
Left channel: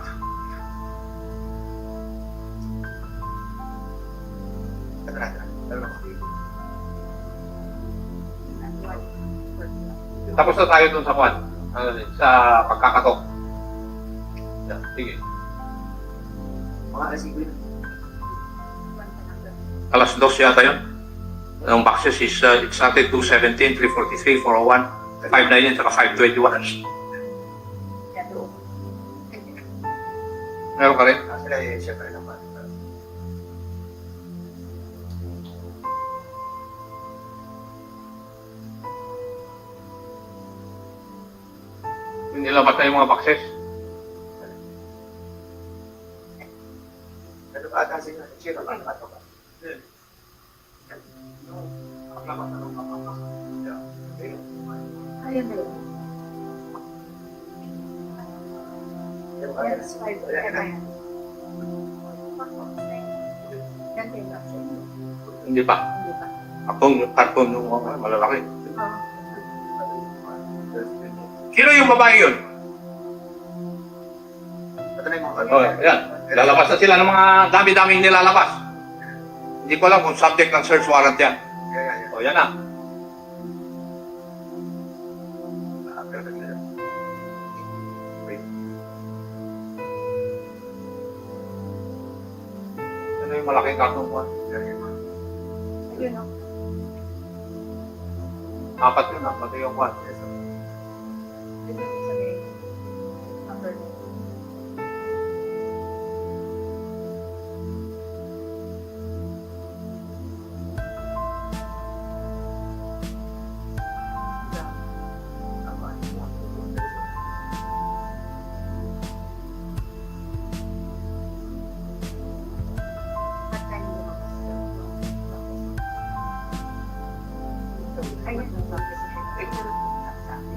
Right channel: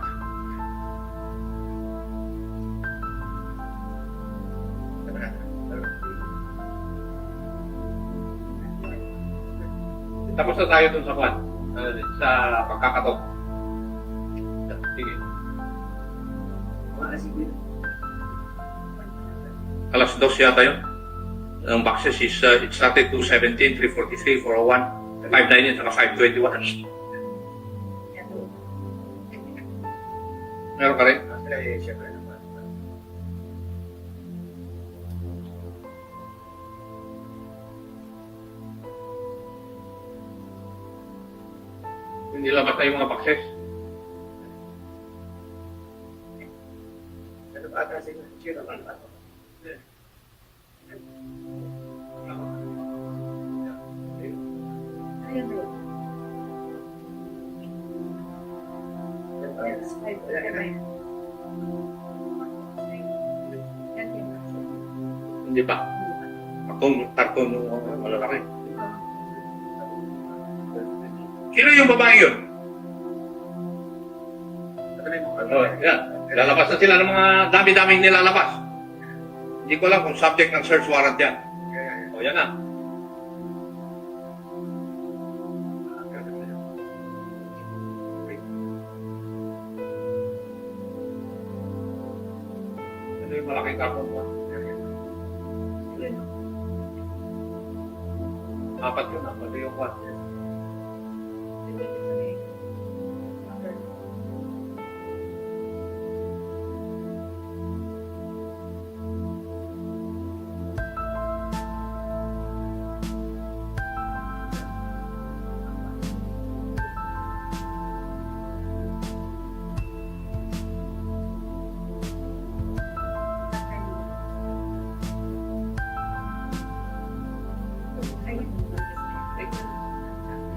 Tapos na tayo dun sa kwan. Sa pagkakatok. Sige. Alas 2 yata yun. Ang boxes is, it started 217, 343, 401, 519, saka 521. Meron ka rin? Siyempre naman. Hindi labas na yung mga boxes. Ano ba ata sila? Sino ba? Ano ba? Hindi pa. Karton yung malalaki. Sino yung babae yun? Oh, yan. Lalabas na sila ng mga dami-daming nilalabas. Hindi ko alam kung subject ng search warrant yan. O, yan na. Ano yung malaking karton ko? Apat yun, apat yung kwan.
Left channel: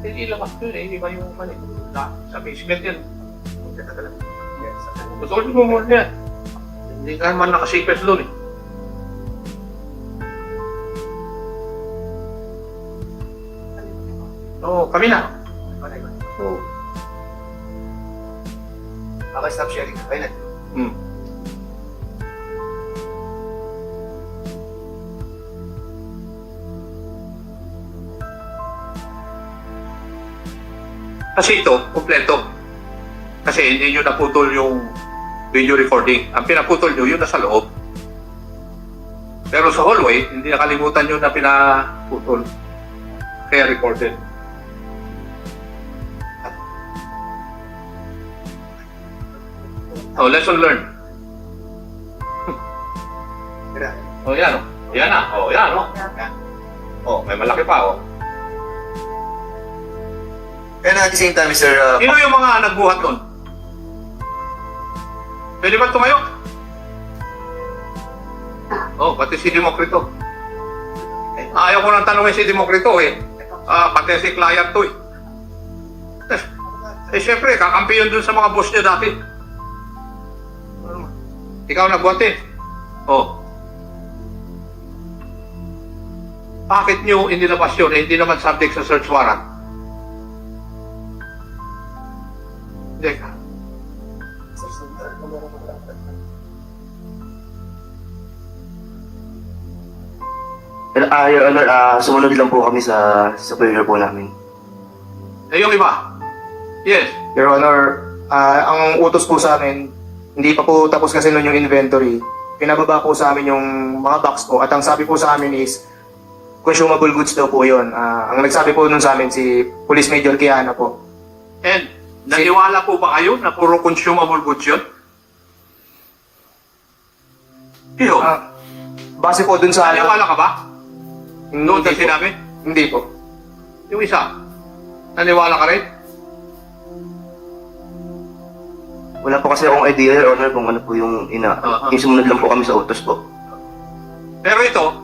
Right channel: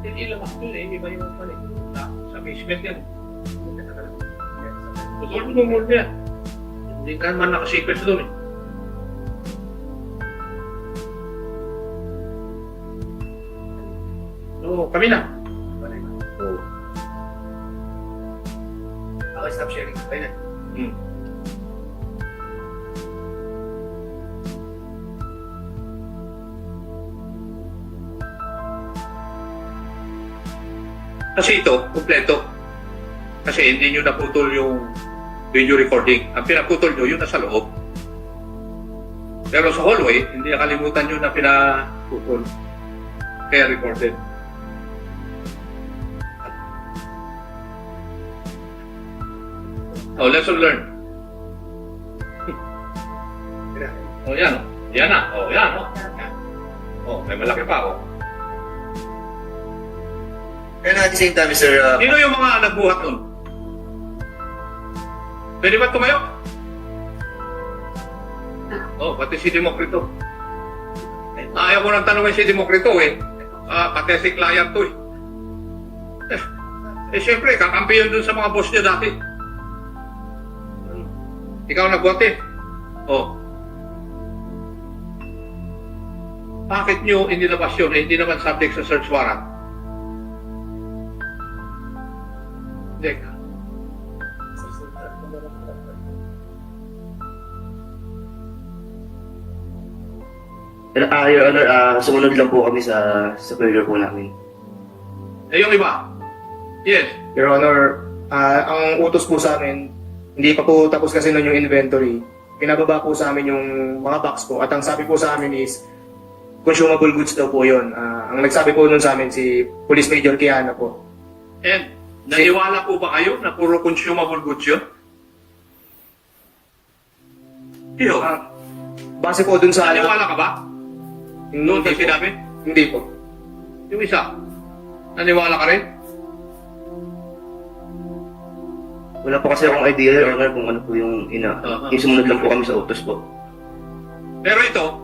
Hindi labas dun eh, iba yung pala. Sa basement yan. Gusto mo muna yan. Hindi ka naman nakasikres dun eh. Oo, kami na. Oo. Okay, stop sharing. Ayun na. Kasi ito, kumpleto. Kasi hindi nyo naputol yung video recording. Ang pinaputol nyo, yun nasa loob. Pero sa hallway, hindi nakalimutan nyo na pinaputol. Kaya recorded. Oh, lesson learned. Oh, yan oh. Yan na. Oh, yan oh. Oh, may malaki pa oh. And at the same time, Mr. Sino yung mga nagbuhat nun? Pwede ba tumayo? Oh, pati si Demokrito. Ayaw ko nang tanongin si Demokrito eh. Pati si client to eh. Siyempre, kakampi yun dun sa mga boss niya dati. Ikaw nagbuhat eh. Oh. Bakit nyo inilabas yun? Hindi naman subject sa search warrant. Hindi ka. Your Honor, sumunod lang po kami sa superior po namin. Eh, yung iba? Yes. Your Honor, ang utos po sa amin, hindi pa po tapos kasi nun yung inventory. Pinababa po sa amin yung mga box po. At ang sabi po sa amin is, consumable goods daw po yun. Ang nagsabi po nun sa amin si Police Major Kiana po. And, naniwala po ba kayo na puro consumable goods yun? Iyo. Base po dun sa... Naniwala ka ba? Noon na po. sinabi? Hindi po. Yung isa, naniwala ka rin? Wala po kasi akong idea, Your Honor, kung ano po yung yung sumunod lang po kami sa utos po. Pero ito,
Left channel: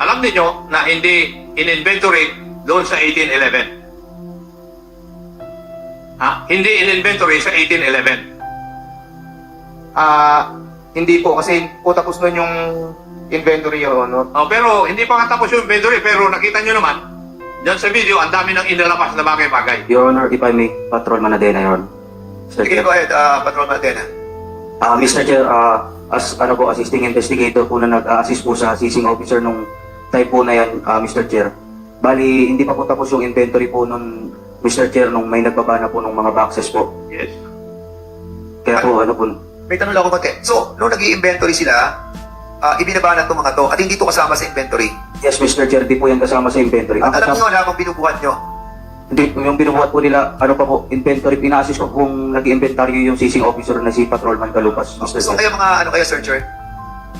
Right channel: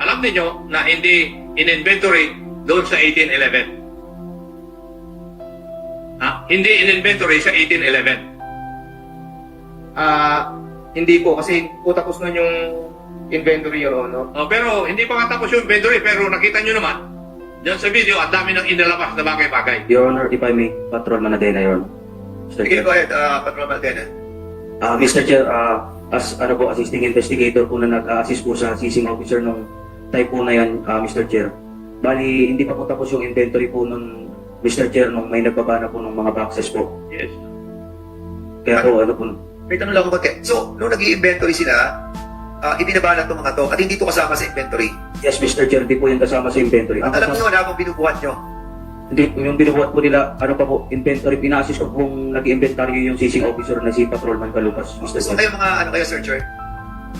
alam niyo na hindi in-inventory doon sa 1811. Hindi in-inventory sa 1811. Hindi po, kasi po tapos nun yung inventory, Your Honor. Oh, pero hindi pa nga tapos yung inventory, pero nakita nyo naman, dyan sa video, ang dami ng inilabas na bagay-bagay. Your Honor, if I may, Patrolman Adena, Your Honor. Mr. Sige, Chair. go ahead, Patrol Matena. Mr. Chair, as ano po, assisting investigator po na nag-assist po sa seizing officer nung time po na yan, Mr. Chair. Bali, hindi pa po tapos yung inventory po nun, Mr. Chair, nung may nagbabana po ng mga boxes po. Yes. Kaya po, ano po, May tanong lang ako konti. So, nung nag-i-inventory sila, ibinabana itong mga to at hindi to kasama sa inventory. yes, Mr. Chair, di po yan kasama sa inventory. Ang Alam kasama, nyo na kung binubuhat nyo. hindi, yung binubuhat po nila, ano pa po, inventory, pina-assist ko pong nag-inventory yung seizing officer na si Patrolman Kalupas, Mr. So, Chair. kayo mga, ano kayo, searcher?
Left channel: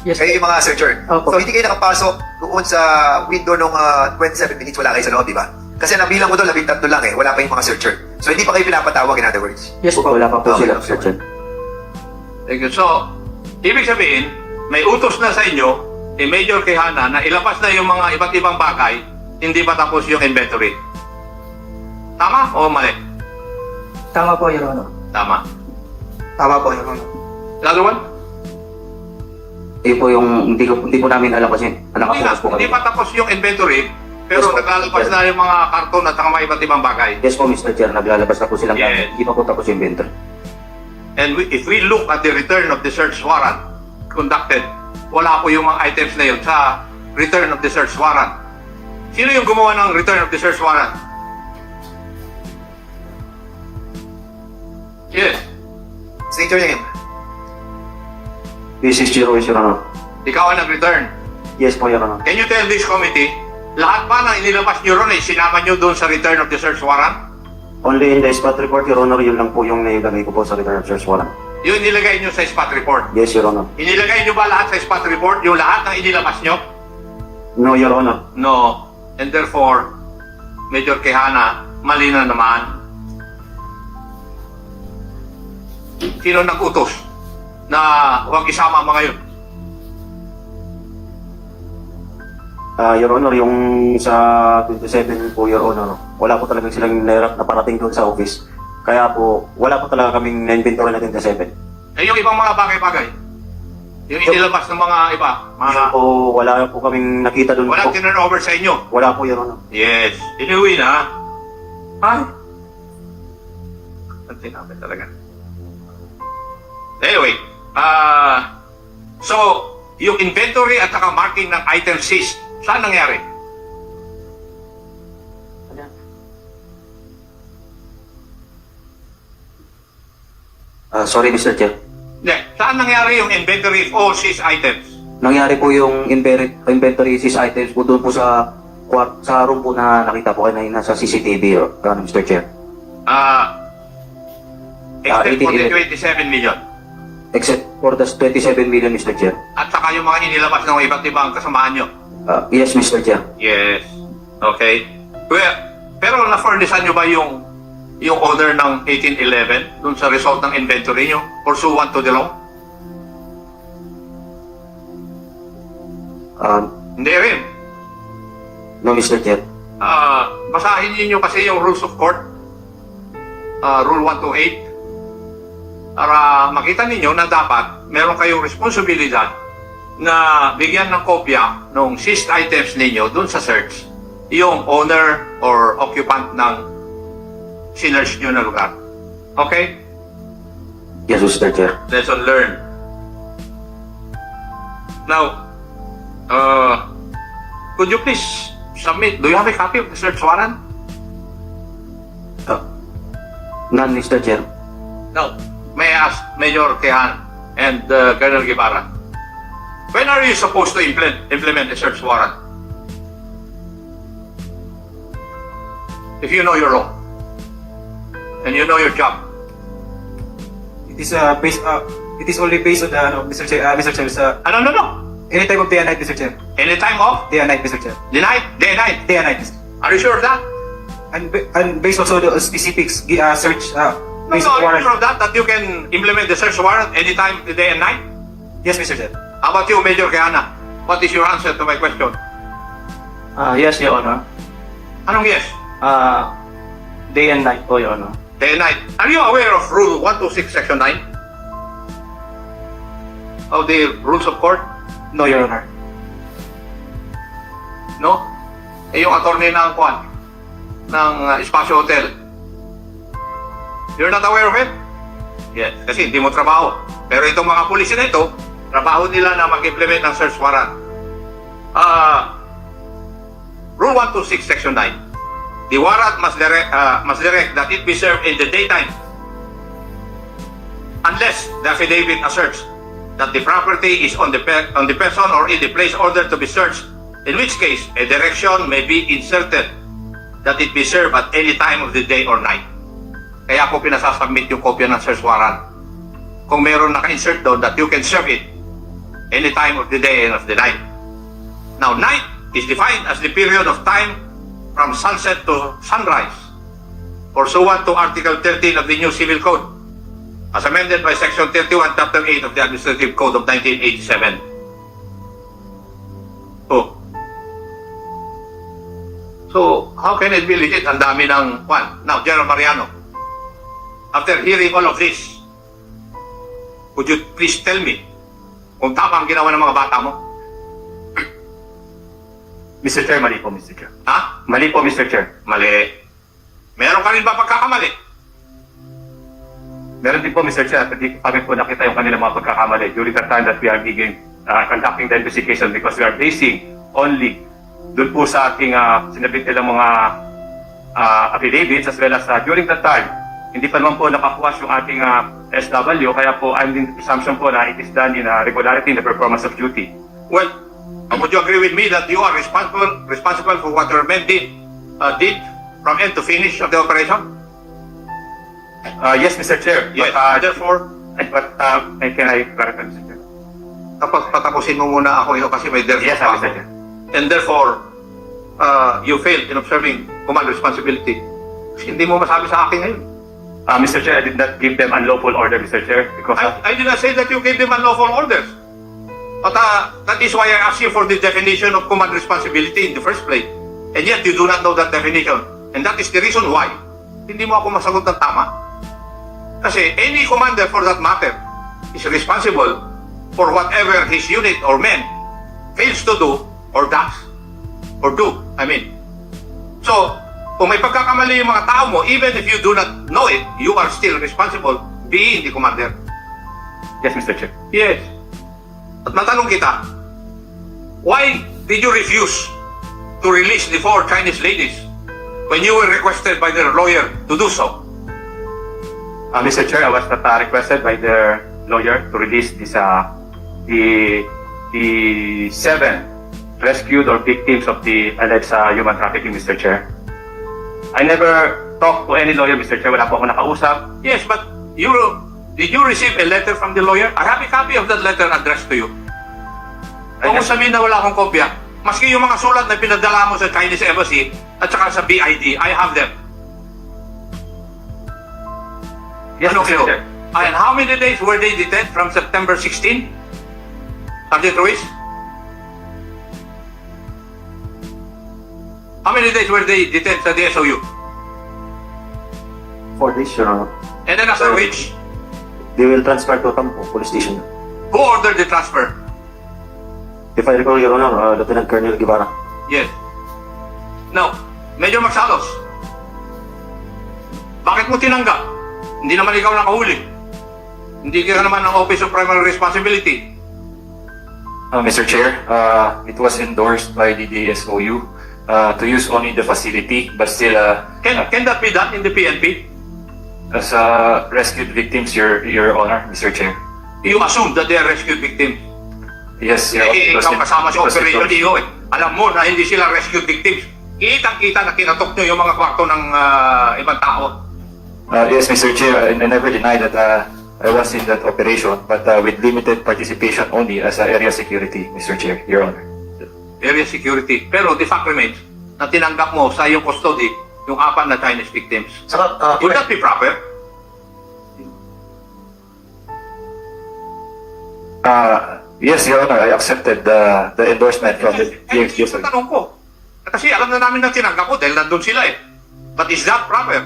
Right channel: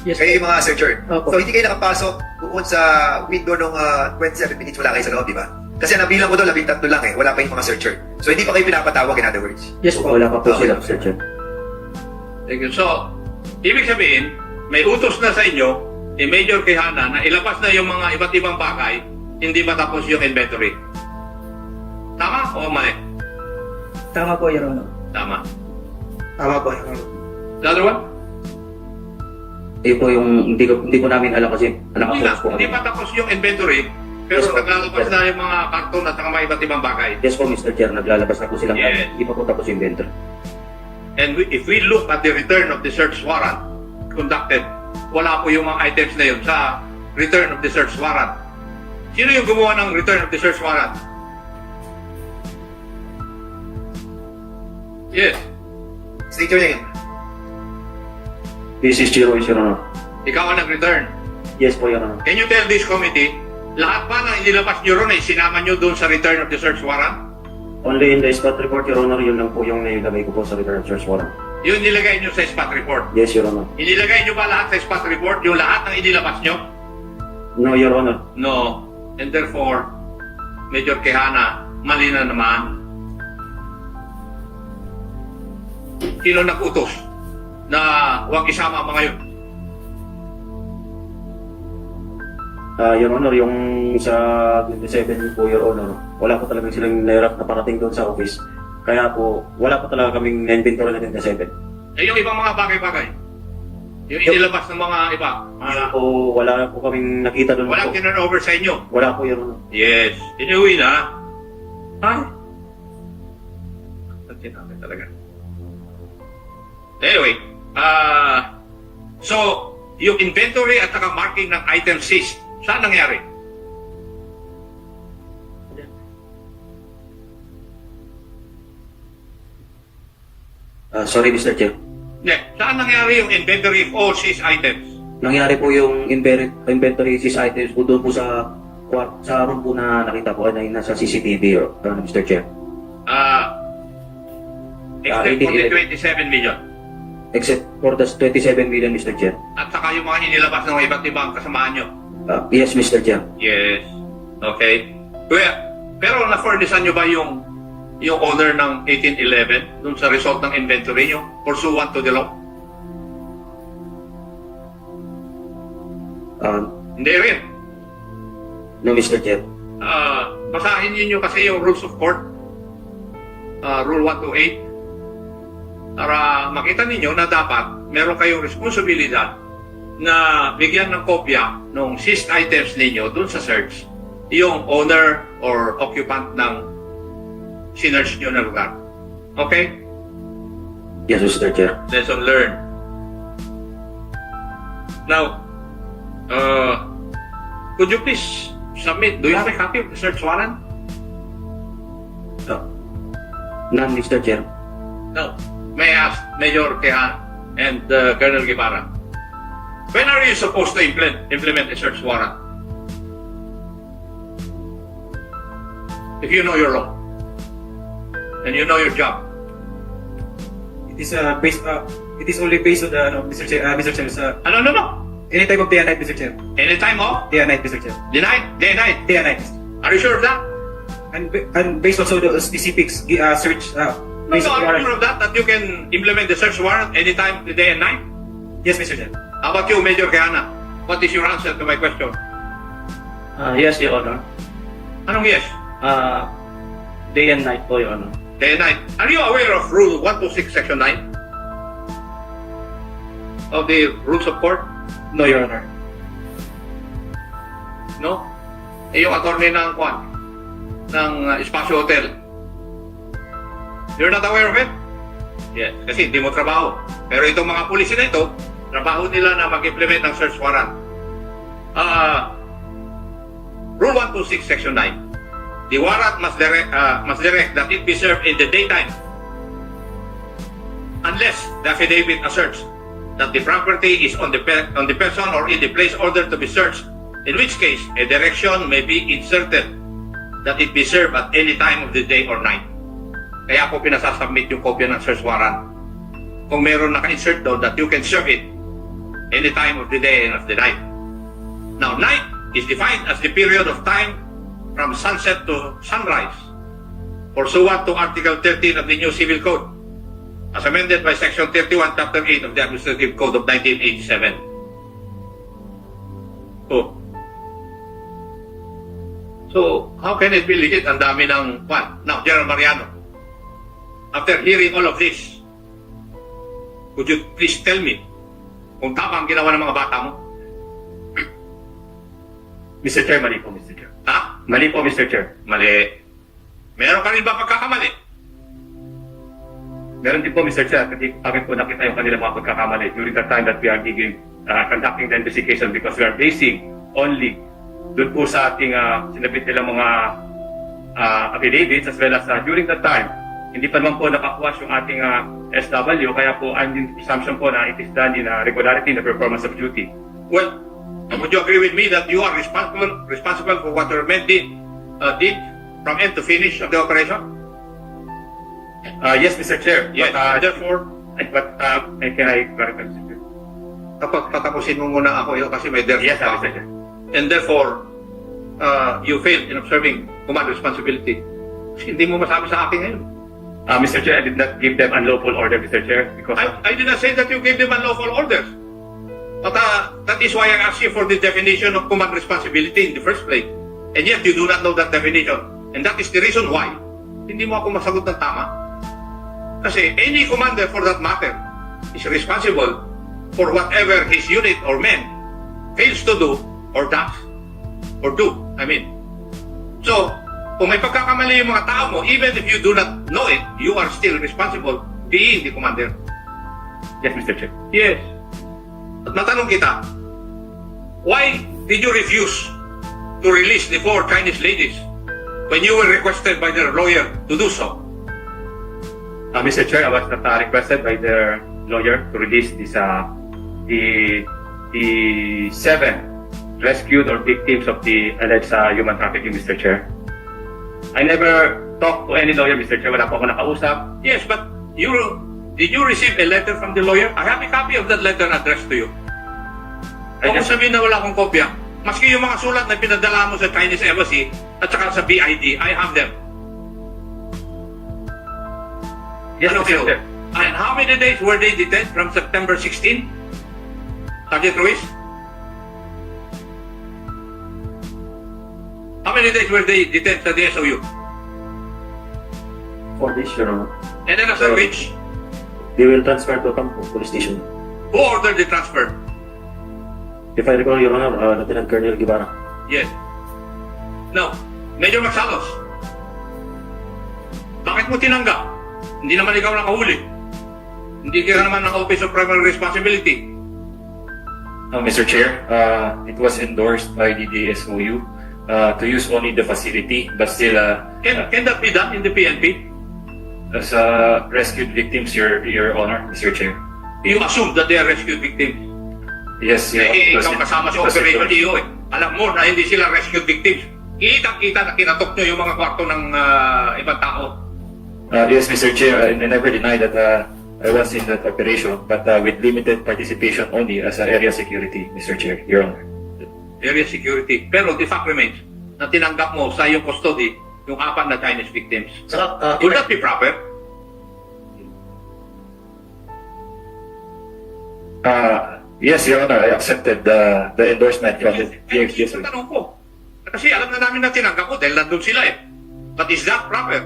Yes. Kayo yung mga searcher. Opo. So, hindi kayo nakapasok doon sa window nung 27 minutes, wala kayo sa loob, di ba? Kasi nabilang ko doon, 13 lang eh. Wala pa yung mga searcher. So, hindi pa kayo pinapatawag, in other words. Yes po. Wala pa po Okay. sila, Mr. Chair. Thank you. So, ibig sabihin, may utos na sa inyo, ni Major Quijana, na ilabas na yung mga iba't ibang bagay, hindi pa tapos yung inventory. Tama o mali? Tama po, Your Honor. Tama. Tama po, Your Honor. The other one? Po yung, hindi po namin alam kasi Hindi, nakapokus po hindi kami. pa tapos yung inventory, pero Yes, po. naglalabas na yung mga karton at mga iba't ibang bagay. Yes po, Mr. Chair, naglalabas na po silang Yes. gamit. Hindi pa po tapos yung inventory. And if we look at the return of the search warrant conducted, wala po yung mga items na yun sa return of the search warrant. Sino yung gumawa ng return of the search warrant? Yes. State your name. This is Jiro, Your Honor. Ikaw ang nag-return. Yes po, Your Honor. Can you tell this committee, lahat pa na inilabas nyo ron, sinama nyo doon sa return of the search warrant? Only in the spot report, Your Honor, yun lang po yung nailagay ko po sa return of search warrant. Yun nilagay nyo sa spot report. Yes, Your Honor. Inilagay nyo ba lahat sa spot report, yung lahat ng inilabas nyo? No, Your Honor. No. And therefore, Major Quijana, mali na naman. Sino nag-utos na huwag isama ang mga yun? Your Honor, yung sa 27 po, Your Honor, wala po talaga silang nairap na parating doon sa office. Kaya po, wala po talaga kaming na-inventory na 27. Eh, yung ibang mga bagay-bagay. Yung inilabas ng mga iba. So, wala po kaming nakita doon Walang po. tinurn over sa inyo. Wala po, Your Honor. Yes. Inuwi na. Ay. Ang tinapit talaga. Anyway, so, yung inventory at saka marking ng item seized, saan nangyari? Sorry, Mr. Chair. Hindi, saan nangyari yung inventory of all seized items? Nangyari po yung inventory seize items po doon po sa room po na nakita po kanina sa CCTV, Mr. Chair. Except for the 18. 27 million. Except for the 27 million, Mr. Chair. At saka yung mga inilabas ng iba't ibang kasamaan nyo. Yes, Mr. Chair. Yes. Okay. Well, pero na-furnishan nyo ba yung owner ng 1811 dun sa result ng inventory nyo pursuant to the law? Hindi rin. No, Mr. Chair. Basahin niyo kasi yung rules of court. Rule 128. Para makita ninyo na dapat meron kayong responsibilidad na bigyan ng kopya ng seized items ninyo dun sa search yung owner or occupant ng sinerch nyo na lugar. Okay? Yes, Mr. Chair. Lesson learned. Now, could you please submit, do you have a copy of the search warrant? None, Mr. Chair. No. May I ask Major Quijana and Colonel Guevara, when are you supposed to implement a search warrant? If you know your law and you know your job. It is it is only based on the Mr. Chair, sa No. any time of day and night, Mr. Chair. Any time off? Day and night, Mr. Chair. The night? Day and night? Day and night. Are you sure of that? And based also the specifics search No, based are you on sure of that you can implement the search warrant anytime, day and night? Yes, Mr. Chair. How about you, Major Quijana? What is your answer to my question? Yes, Your Honor. Anong yes? Day and night po, Your Honor. Day and night. Are you aware of Rule 126, Section 9? of the rules of court? No, Your Honor. No? Eh, yung attorney ng Kwan, ng Espacio Hotel. You're not aware of it? Yes, kasi hindi mo trabaho. Pero itong mga pulis na ito, trabaho nila na mag-implement ng search warrant. Rule 126, Section 9. The warrant must direct that it be served in the daytime unless the affidavit asserts that the property is on the person or in the place ordered to be searched, in which case a direction may be inserted that it be served at any time of the day or night. Kaya ako pinasasubmit yung kopya ng search warrant. Kung meron naka-insert doon that you can serve it any time of the day and of the night. Now, night is defined as the period of time from sunset to sunrise, pursuant to Article 13 of the New Civil Code, as amended by Section 31, Chapter 8 of the Administrative Code of 1987. So, how can it be legit? Ang dami ng Juan. Now, General Mariano, after hearing all of this, would you please tell me kung tama ang ginawa ng mga bata mo? Mr. Chair, mali po, Mr. Chair. Ha? Mali po, Mr. Chair. Mali. Meron ka rin ba pagkakamali? Meron din po, Mr. Chair, at hindi kami po nakita yung kanilang mga pagkakamali during the time that we are conducting the investigation because we are basing only doon po sa ating sinabit nilang mga affidavits as well as during that time, hindi pa naman po nakakuha yung ating SW, kaya po I'm in presumption po na it is done in regularity in the performance of duty. Well, would you agree with me that you are responsible for what your men did from end to finish of the operation? Yes, Mr. Chair. Yes, therefore, can I clarify, Mr. Chair? kapag patapusin mo muna ako ito kasi may therefore Yes, pa Mr. ako. Chair. And therefore, you failed in observing command responsibility. Kasi hindi mo masabi sa akin ngayon. Mr. Chair, I did not give them unlawful order, Mr. Chair, because I did not say that you gave them unlawful orders. But that is why I asked you for the definition of command responsibility in the first place. And yet you do not know that definition. And that is the reason why hindi mo ako masagot ng tama. Kasi any commander for that matter is responsible for whatever his unit or men fails to do or does. Or do, I mean. So, kung may pagkakamali yung mga tao mo, even if you do not know it, you are still responsible being the commander. yes, Mr. Chair. Yes. At matanong kita, why did you refuse to release the 4 Chinese ladies when you were requested by their lawyer to do so? Mr. Chair, I was not requested by their lawyer to release this, the 7 rescued or victims of the alleged human trafficking, Mr. Chair. I never talked to any lawyer, Mr. Chair. Wala po ako nakausap. Yes, but did you receive a letter from the lawyer? I have a copy of that letter addressed to you. I Kung just- sabihin na wala akong kopya, maski yung mga sulat na pinadala mo sa Chinese Embassy at saka sa BID, I have them. Yes, Ano Mr. kayo? Chair. And how many days were they detained from September 16? Sergeant Ruiz? How many days were they detained sa the SOU? For this, Your Honor, And then after which, they will transfer to Tampo Police Station. who ordered the transfer? If I recall, Your Honor, Lieutenant Colonel Guevara. Yes. Now, Major Magsalos, bakit mo tinanggap? Hindi naman ikaw nakahuli. Hindi ka naman ng Office of Primary Responsibility. Mr. Chair, it was endorsed by the DSOU to use only the facility, but still Can that be done in the PNP? as rescued victims, Your Honor, Mr. Chair. You assume that they are rescued victims. Yes, yeah, Eh, it was ikaw en- kasama sa it was Operation endorsed. EO eh. Alam mo na hindi sila rescued victims. Kitang-kita na kinatok nyo yung mga kwarto ng ibang tao. Yes, Mr. Chair, I never denied that I was in that operation, but with limited participation only as area security, Mr. Chair, Your Honor. Area security. Pero the fact remains na tinanggap mo sa iyong custody yung 4 na Chinese victims. Saka, Would that be proper? Yes, Your Honor, I accepted the endorsement from the Yes, DSOU. tanong ko. Kasi alam na namin na tinanggap mo dahil nandun sila eh. But is that proper?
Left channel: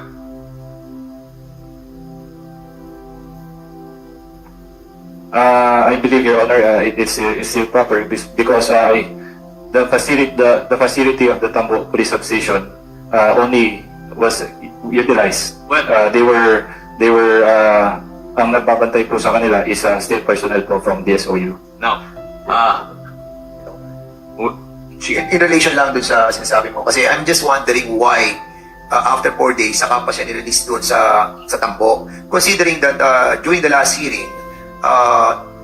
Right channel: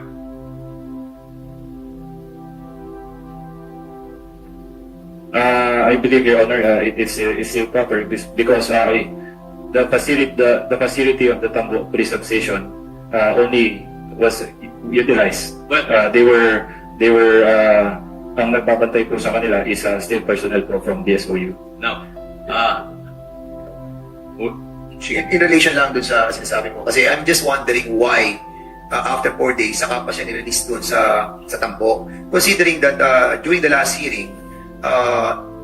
I believe, Your Honor, it's still proper because the facility of the Tambo Police Substation only was utilized. Well, They were ang nagbabantay po sa kanila is still personnel po from DSOU. now, In relation lang dun sa sinasabi mo, kasi I'm just wondering why after 4 days, saka pa siya nirelease dun sa Tampo. Considering that during the last hearing,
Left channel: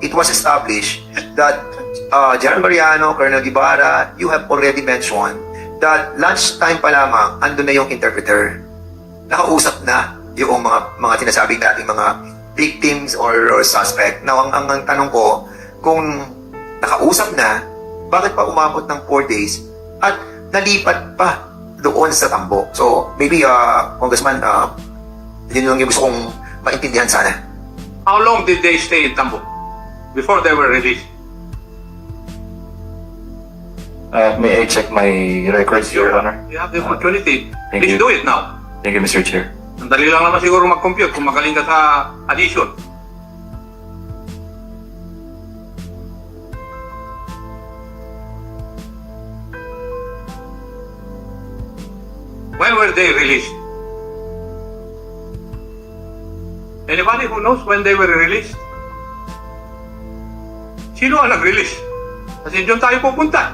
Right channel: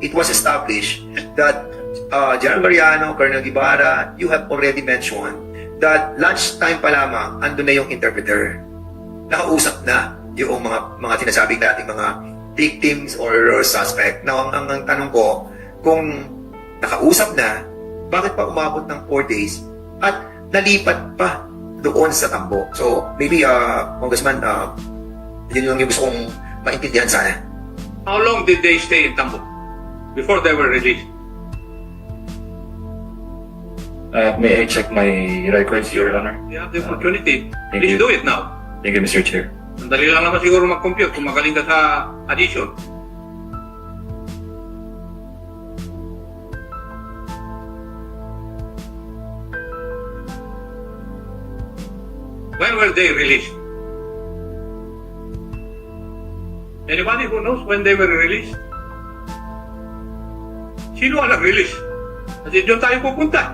it was established that General Mariano, Colonel Guevara, you have already mentioned that lunchtime pa lamang, andun na yung interpreter. Nakausap na yung mga sinasabing nating mga victims or suspect. Now, ang tanong ko, kung nakausap na, bakit pa umabot ng 4 days at nalipat pa doon sa Tambo? So, maybe, Congressman, yun lang yung gusto kong maintindihan sana. how long did they stay in Tambo before they were released? May I check my records, Your Honor? You have the opportunity. Thank Please you. do it now. Thank you, Mr. Chair. Dali lang naman siguro mag-compute kung magaling ka sa addition. When were they released? Anybody who knows when they were released? Sino ang nag-release? Kasi doon tayo pupunta.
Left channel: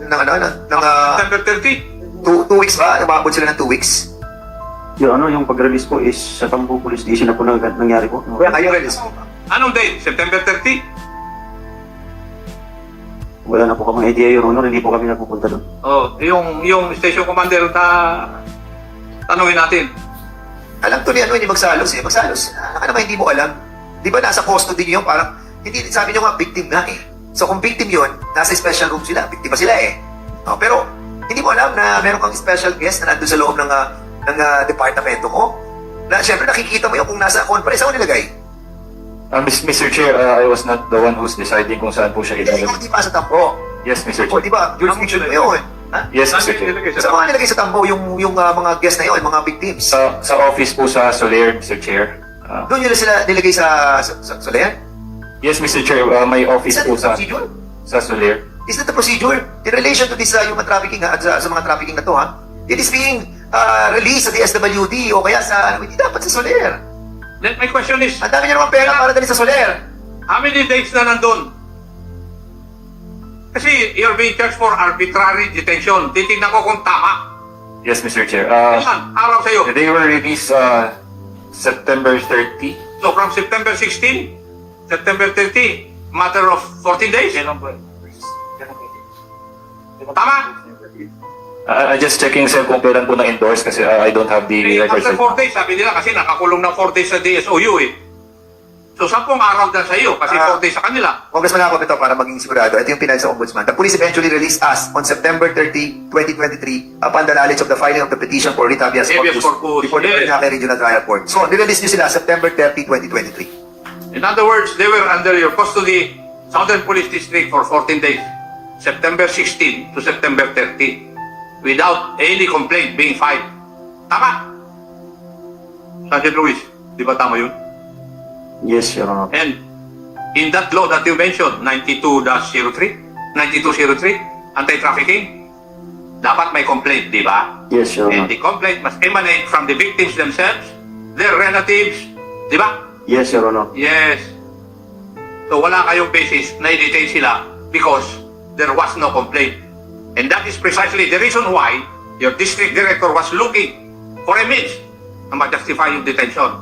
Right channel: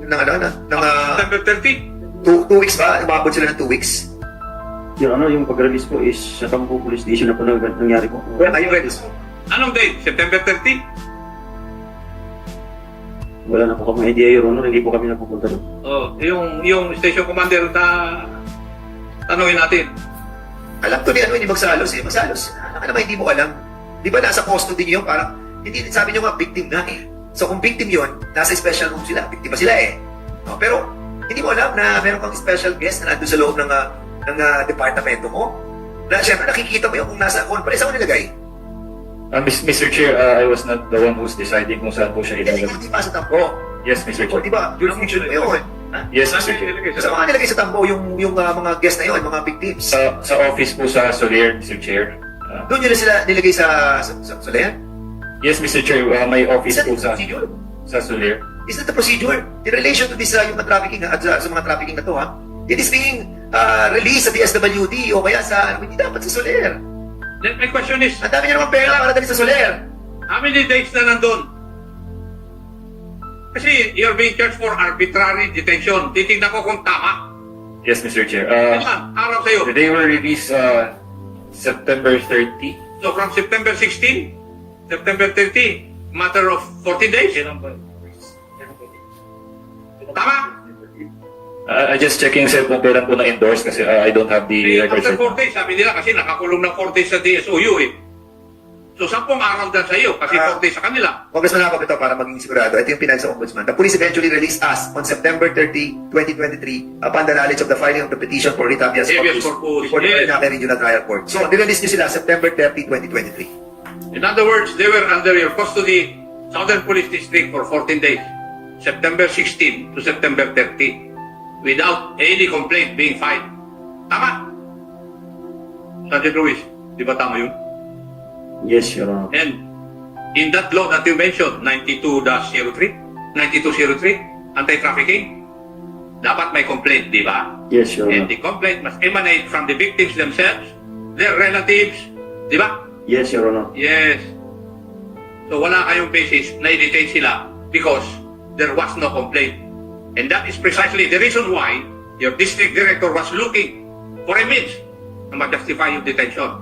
September 30. 2 weeks ba? Umabot sila ng 2 weeks? Your Honor, yung pag-release po is sa Tambo Police Station na po nangyari po. Kaya kayo release. Anong date? September 30? Wala na po kami idea, Your Honor, hindi po kami napupunta doon. Oh, yung station commander na tanungin natin. Alam to ni ano, hindi magsalos eh. Magsalos. Ano naman hindi mo alam? Di ba nasa custody niyo yung parang, hindi, sabi niyo nga, victim nga eh. So kung victim yun, nasa special room sila, victim pa sila eh. No, pero, hindi mo alam na meron kang special guest na nandun sa loob ng departamento mo. Na syempre nakikita mo yung kung nasa conference, saan mo nilagay? Mr. Chair, I was not the one who's deciding kung saan po siya Hindi ilalagay. di pa sa Tambo. Yes, Mr. O Chair. di ba, jurisdiction mo yun. Ha? Yes, Mr. Chair. Sa mga nilagay sa Tambo, yung mga guest na yun, mga victims. Sa office po sa Soler, Mr. Chair. Doon nila sila nilagay sa Soler? Yes, Mr. Chair, my office Is that po the procedure? sa Soler. Is that the procedure? In relation to this, yung trafficking, at sa mga trafficking na to, ha? It is being released sa DSWD o kaya sa, hindi dapat sa Soler. Then my question is, Ang dami niya naman pera para dali sa Soler. how many days na nandun? Kasi you're being charged for arbitrary detention. Titignan ko kung tama. Yes, Mr. Chair. Ilan araw sa'yo? They were released September 30. So from September 16, September 30, matter of 14 days? Tama? I just checking sir kung kailan po na-endorse kasi I don't have the records. After right 4 days, sabi nila kasi nakakulong ng 4 days sa DSOU eh. So 10 araw dyan sa iyo kasi 4 days sa kanila. Congressman ako ito para maging sigurado. Ito yung pinal sa Ombudsman. The police eventually released us on September 30, 2023 upon the knowledge of the filing of the petition for writ habeas Habeas corpus corpus, before the yes. Trinidad Regional Trial Court. So, nirelease nyo sila September 30, 2023. In other words, they were under your custody, Southern Police District for 14 days. September 16 to September 30 without any complaint being filed. Tama? Sergeant Luis, di ba tama yun? Yes, Your Honor. And in that law that you mentioned, 92-03, anti-trafficking, dapat may complaint, di ba? Yes, Your And Honor. the complaint must emanate from the victims themselves, their relatives, di ba? Yes, Your Honor. Yes. So wala kayong basis na i-detain sila because there was no complaint. And that is precisely the reason why your district director was looking for a means na ma-justify yung detention.